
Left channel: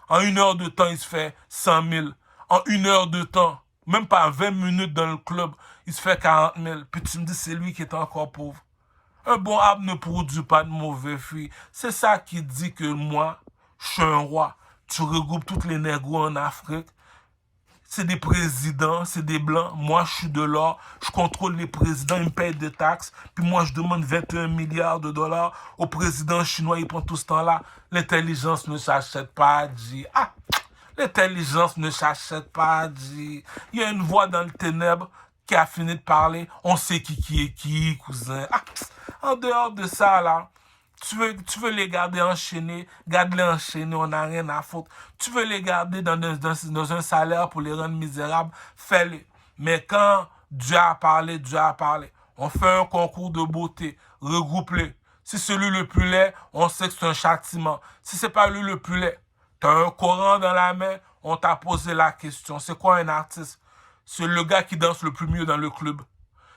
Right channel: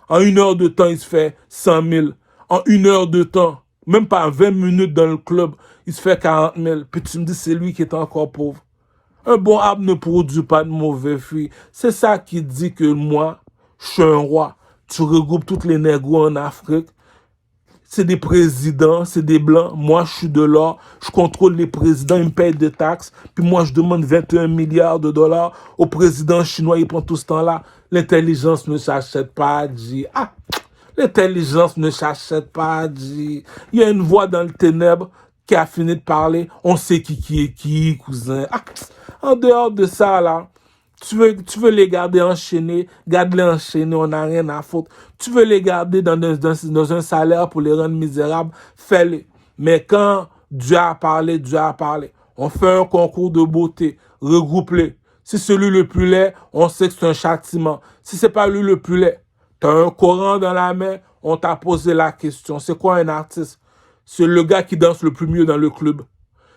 En 1 heure de temps, il se fait 100 000. En 1 heure de temps, même pas 20 minutes dans le club, il se fait 40 000. Puis tu me dis, c'est lui qui est encore pauvre. Un bon arbre ne produit pas de mauvais fruits. C'est ça qui dit que moi, je suis un roi. Tu regroupes toutes les négros en Afrique. C'est des présidents, c'est des blancs. Moi, je suis de l'or. Je contrôle les présidents, ils me payent des taxes. Puis moi, je demande 21 milliards de dollars au président chinois. Il prend tout ce temps-là. L'intelligence ne s'achète pas, dit. Ah, l'intelligence ne s'achète pas, dit. Il y a une voix dans le ténèbre qui a fini de parler. On sait qui est qui, cousin. Ah, en dehors de ça, là, tu veux les garder enchaînés, garde-les enchaînés, on n'a rien à foutre. Tu veux les garder dans un salaire pour les rendre misérables, fais-les. Mais quand Dieu a parlé, Dieu a parlé. On fait un concours de beauté, regroupe-les. Si celui le plus laid, on sait que c'est un châtiment. Si c'est pas lui le plus laid, tu as un Coran dans la main, on t'a posé la question. C'est quoi un artiste? C'est le gars qui danse le plus mieux dans le club.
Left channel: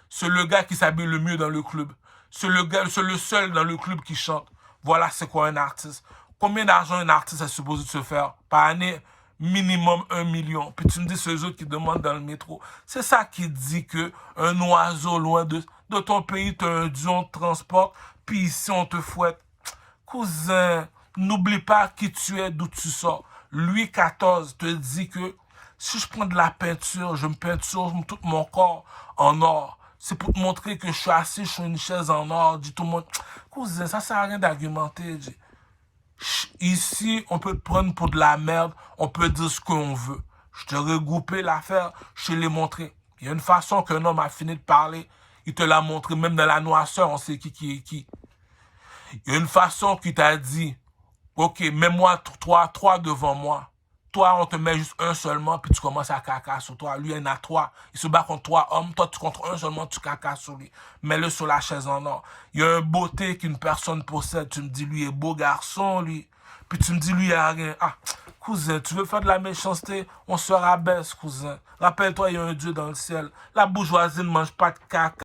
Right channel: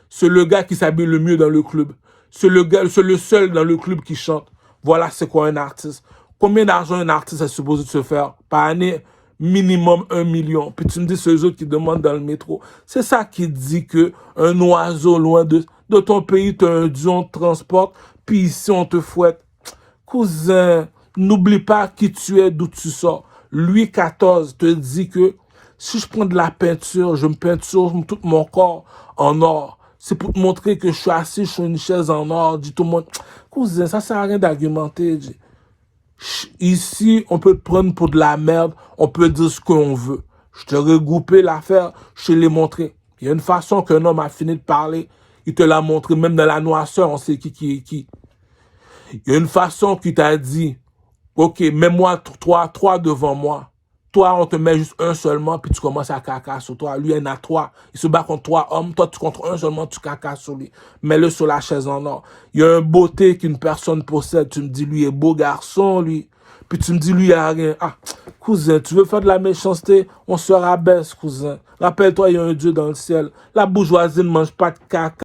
C'est le gars qui s'habille le mieux dans le club. C'est le seul dans le club qui chante. Voilà c'est quoi un artiste. Combien d'argent un artiste est supposé de se faire par année? Minimum 1 million. Puis tu me dis ceux autres qui demandent dans le métro. C'est ça qui dit que un oiseau loin de ton pays, tu as un Dieu, on te transporte, puis ici on te fouette. Cousin, n'oublie pas qui tu es, d'où tu sors. Louis XIV te dit que si je prends de la peinture, je me peinture tout mon corps en or. C'est pour te montrer que je suis assis sur une chaise en or. Dit tout le monde, cousin, ça sert à rien d'argumenter. Ici, on peut te prendre pour de la merde, on peut dire ce qu'on veut. Je t'ai regroupé l'affaire, je te l'ai montré. Il y a une façon qu'un homme a fini de parler, il te l'a montré, même dans la noirceur, on sait qui est qui. Il y a une façon qui t'a dit, ok, mets-moi trois devant moi. Toi, on te met juste un seulement, puis tu commences à caca sur toi. Lui, il y en a 3. Il se bat contre 3 hommes. Toi, tu contre un seulement, tu caca sur lui. Mets-le sur la chaise en or. Il y a une beauté qu'une personne possède. Tu me dis, lui est beau garçon, lui. Puis tu me dis, lui, il n'y a rien. Ah, cousin, tu veux faire de la méchanceté? On se rabaisse, cousin. Rappelle-toi, il y a un Dieu dans le ciel. La bourgeoisie ne mange pas de caca.